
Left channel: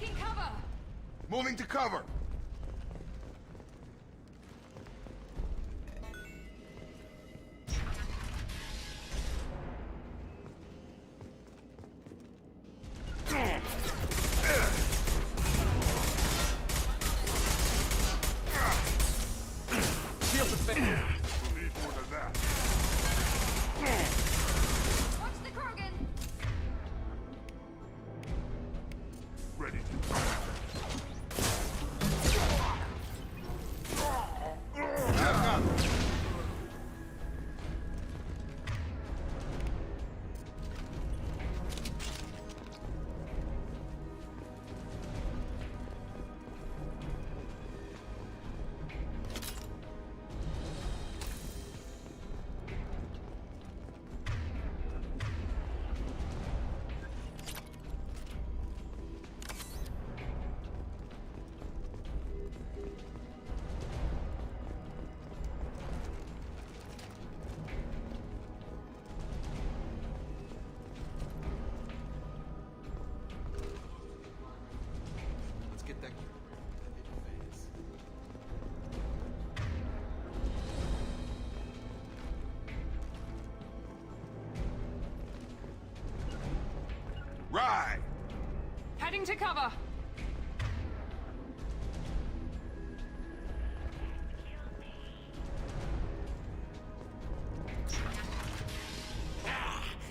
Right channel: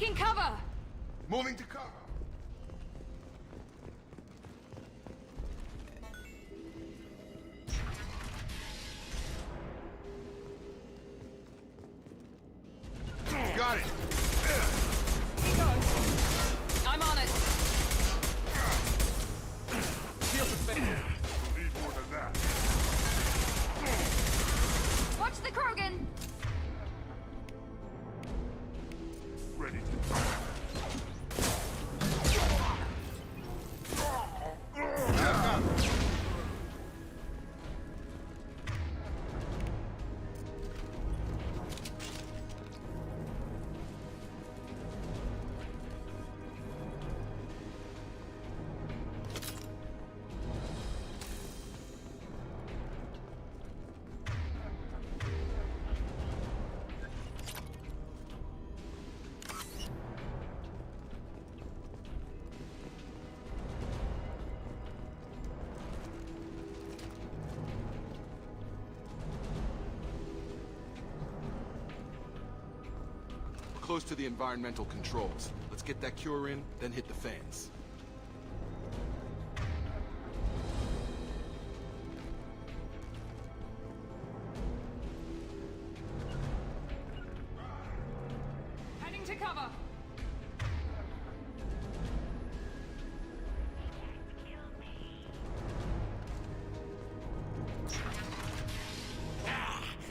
Taking cover! Moving to cover! Got it! I'm on it! Shield defended. We'll need more than that. Watch the Krogan! Ready to... Close to the environmental controls. Let's get that cure in, then hit the fans. Right! Heading to cover!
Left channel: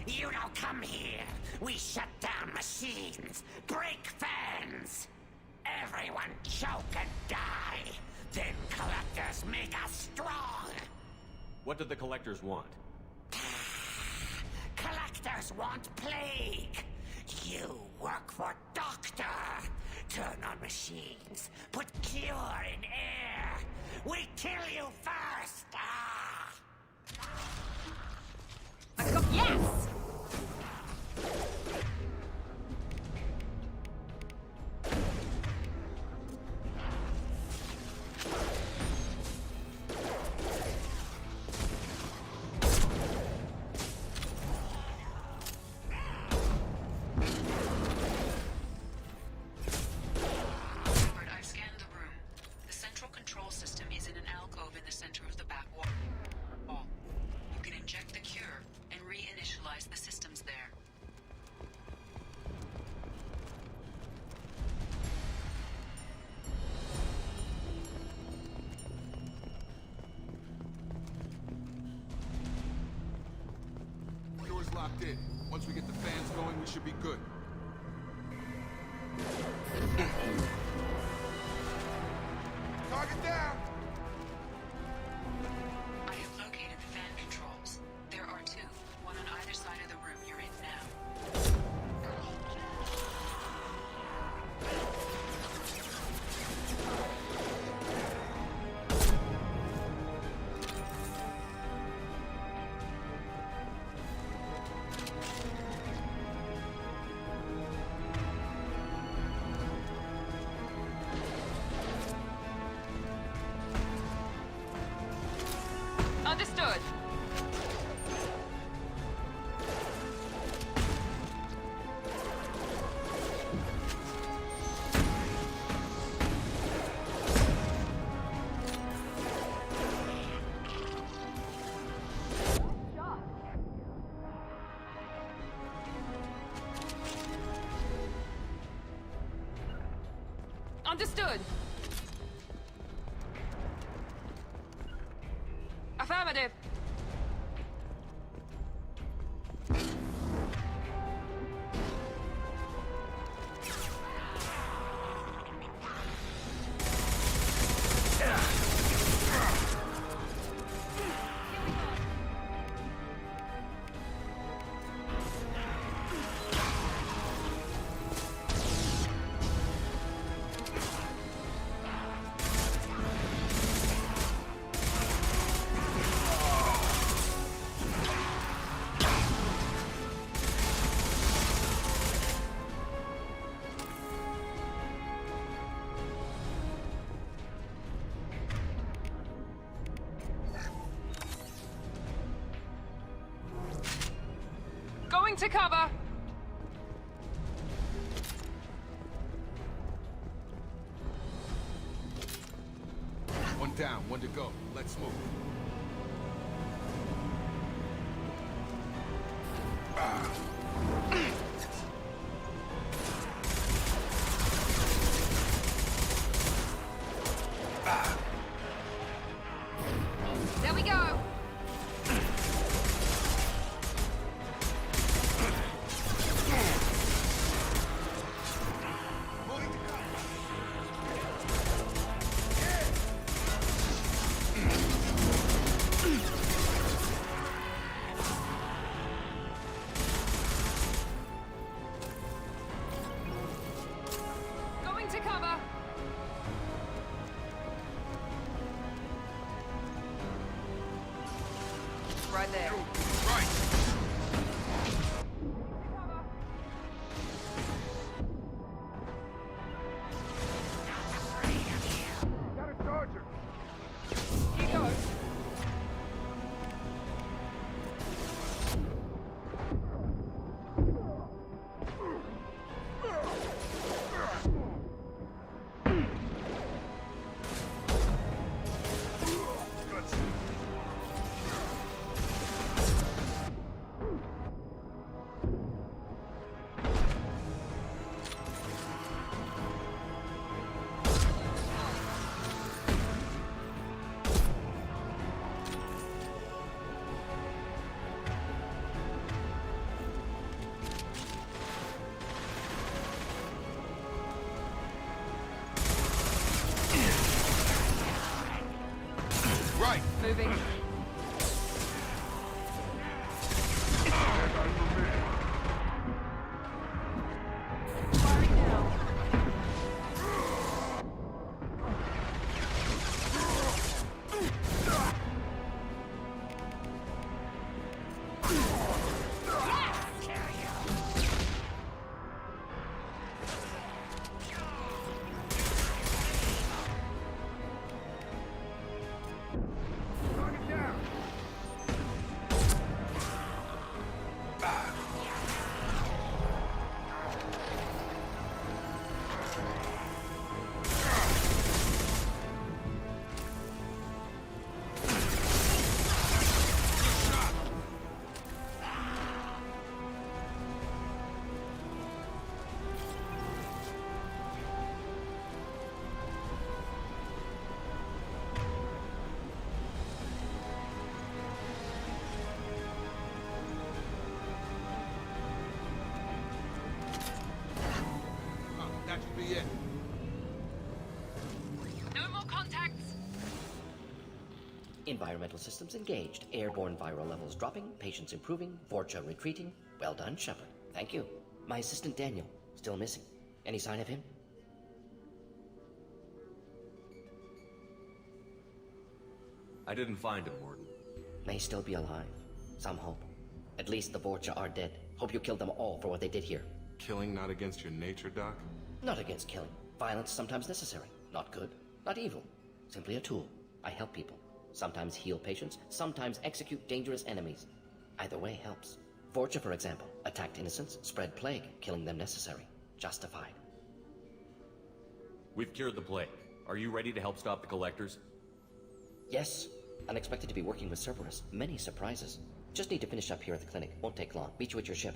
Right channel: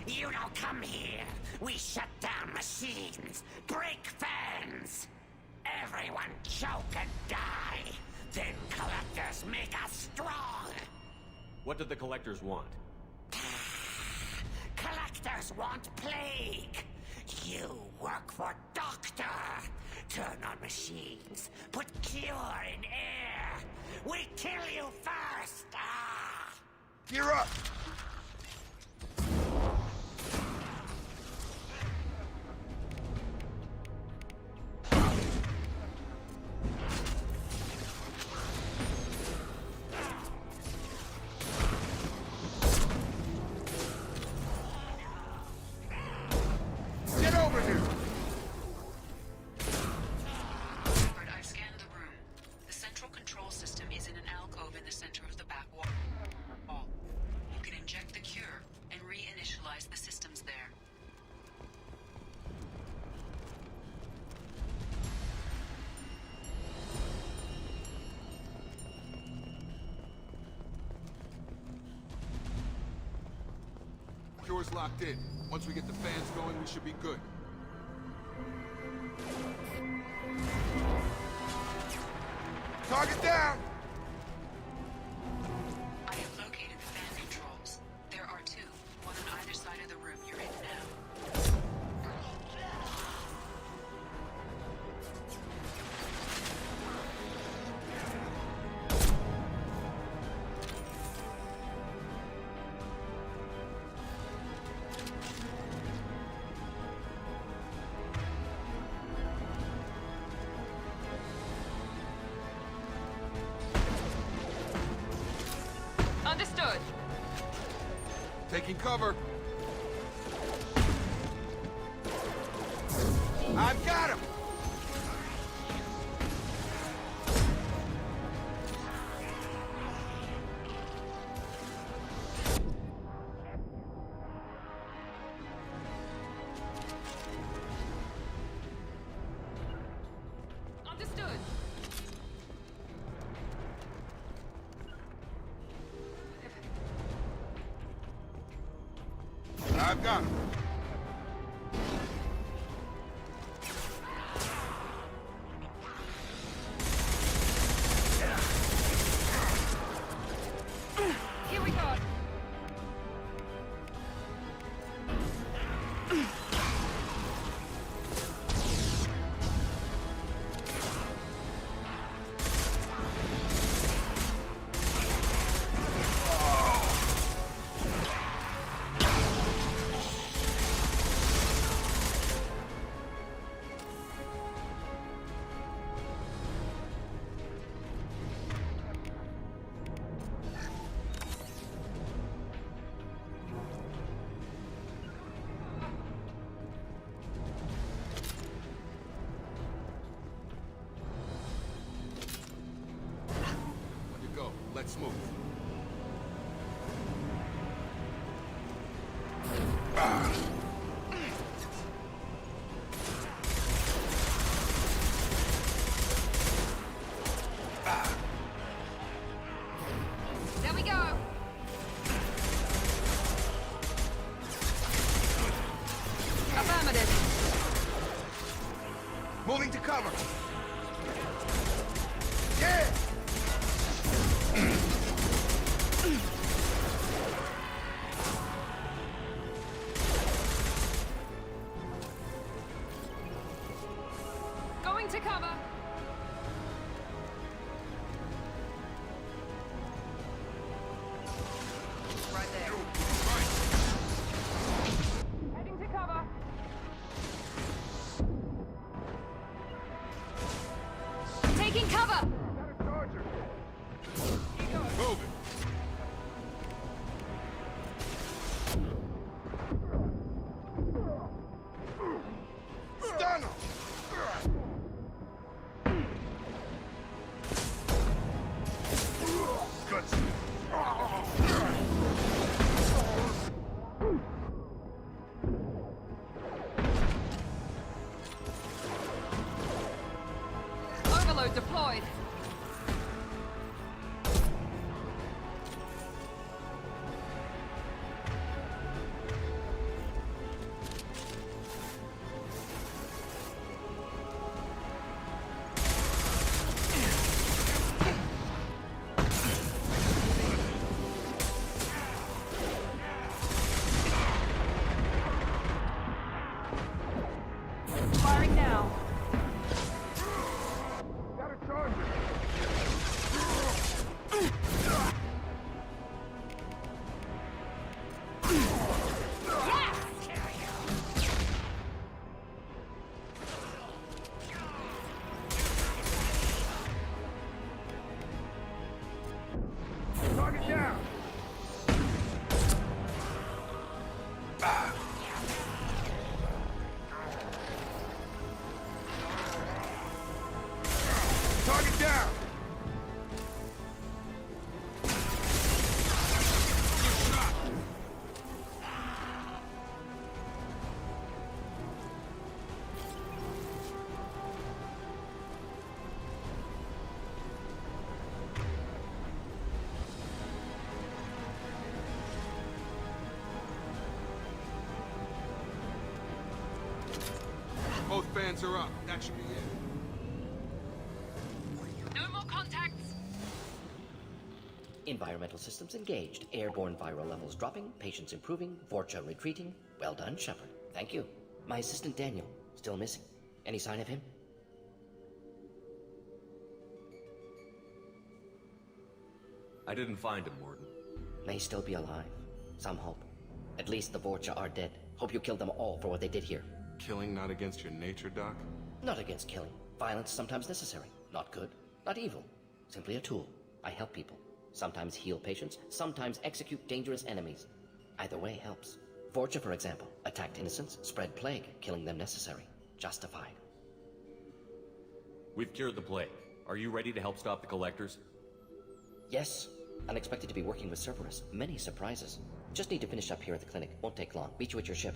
You don't come here. We shut down machines, break fans. Everyone choke and die. Then collectors make us strong. What did the collectors want? Collectors want plague. You work for Doctor. Turn on machines. Put cure in air. We kill you first. Ah. You're up. Yes! Get over here! I've scanned the room. The central control system is in an alcove in the center of the back wall. You can inject the cure and reinitialize the systems there. Cure's locked in. Once we get the fans going, we should be good. Target down! I have located the fan controls. There are two, one on either side of the room you're in now. Understood. Taking cover. I've got him! Understood. Affirmative. I've got him. Here we go. Going to cover. One to go. Let's move. There we go! Moving to cover. Yeah! Going to cover! Right there. Right. Heading to cover. Taking cover! Got a charger. Here goes. Overload deployed. Right. Moving. Firing now. Target down. Target down. Good shot. Both fans are up. That should be it. No more contacts. Environmental systems engaged. Airborne viral levels dropping. Patients improving. Vorcha retreating. Well done, Shepard. Thank you. My assistant Daniel. Still missing. Any sign of him? I didn't find him, Warden. May still be alive. Some hope. At least the Vorcha are dead. Hope you killed them all for what they did here. Killing not against your nature, Doc? Not against killing. Violence is sometimes necessary. Not good. Not evil. Simply a tool. I help people. Sometimes heal patients. Sometimes execute dangerous enemies. Either way helps. Vorcha, for example, attacked innocents, spread plague, killing them necessary. Justified. We've cured the plague. Are you ready to help stop the Collectors? Yes. Unexpected to be working with Cerberus. Many surprises. Just need to finish up here at the clinic. Won't take long. Meet you at your ship.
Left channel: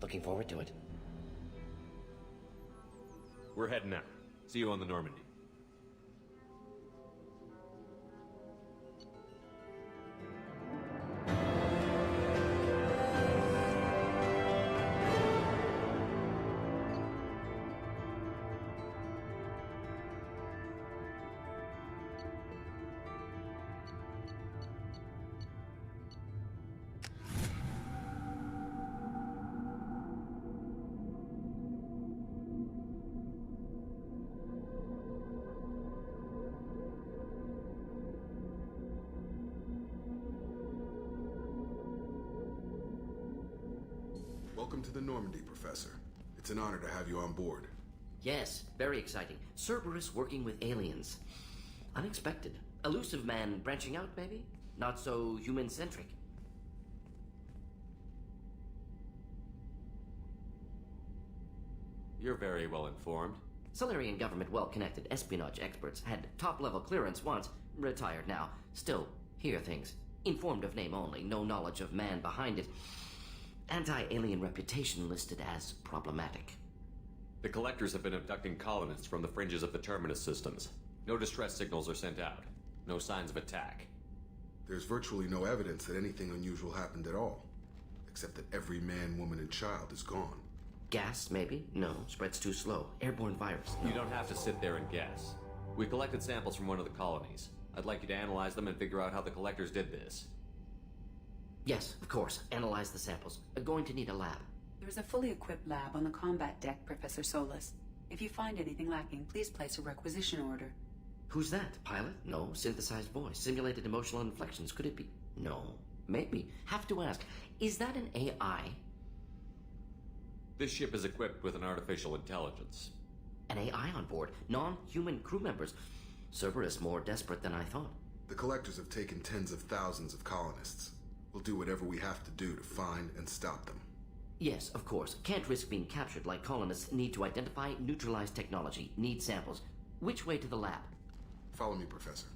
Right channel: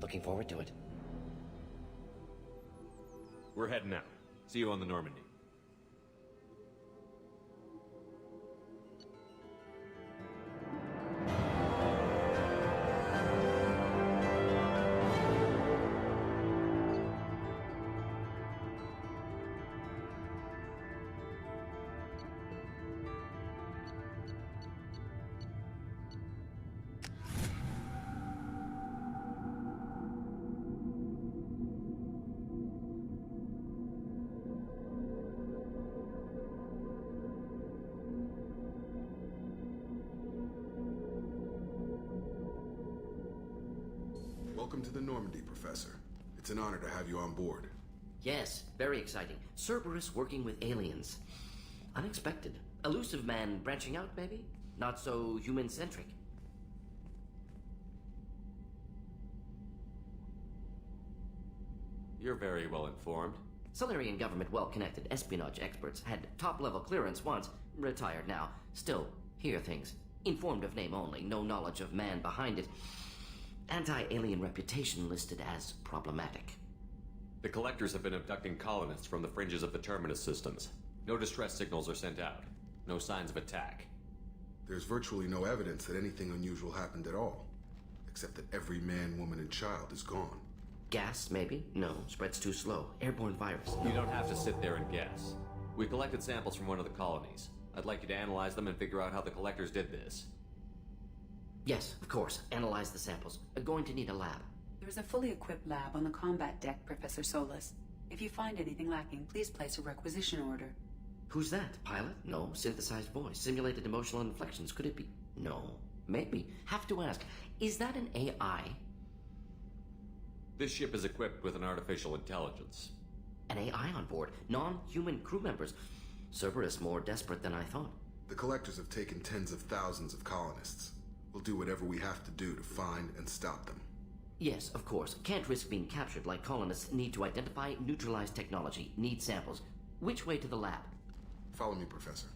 Looking forward to it. We're heading out. See you on the Normandy. Welcome to the Normandy, Professor. It's an honor to have you on board. Yes, very exciting. Cerberus working with aliens. Unexpected. Elusive man branching out, maybe? Not so human-centric. You're very well informed. Solarian government well-connected espionage experts had top-level clearance once. retired now. Still, hear things. Informed of name only, no knowledge of man behind it. Anti-alien reputation listed as problematic. The Collectors have been abducting colonists from the fringes of the Terminus systems. No distress signals are sent out. No signs of attack. There's virtually no evidence that anything unusual happened at all. Except that every man, woman, and child is gone. Gas, maybe? No, spreads too slow. Airborne virus. No. You don't have to sit there and guess. We collected samples from one of the colonies. I'd like you to analyze them and figure out how the Collectors did this. Yes, of course. Analyze the samples. Going to need a lab. There is a fully equipped lab on the combat deck, Professor Solis. If you find anything lacking, please place a requisition order. Who's that? Pilot? No. Synthesized voice. Simulated emotional inflections. Could it be? No. Maybe. Have to ask. Is that an AI? This ship is equipped with an artificial intelligence. An AI on board? Non-human crew members? Cerberus more desperate than I thought. The Collectors have taken tens of thousands of colonists. We'll do whatever we have to do to find and stop them. Yes, of course. Can't risk being captured like colonists. Need to identify, neutralize technology. Need samples. Which way to the lab? Follow me, Professor.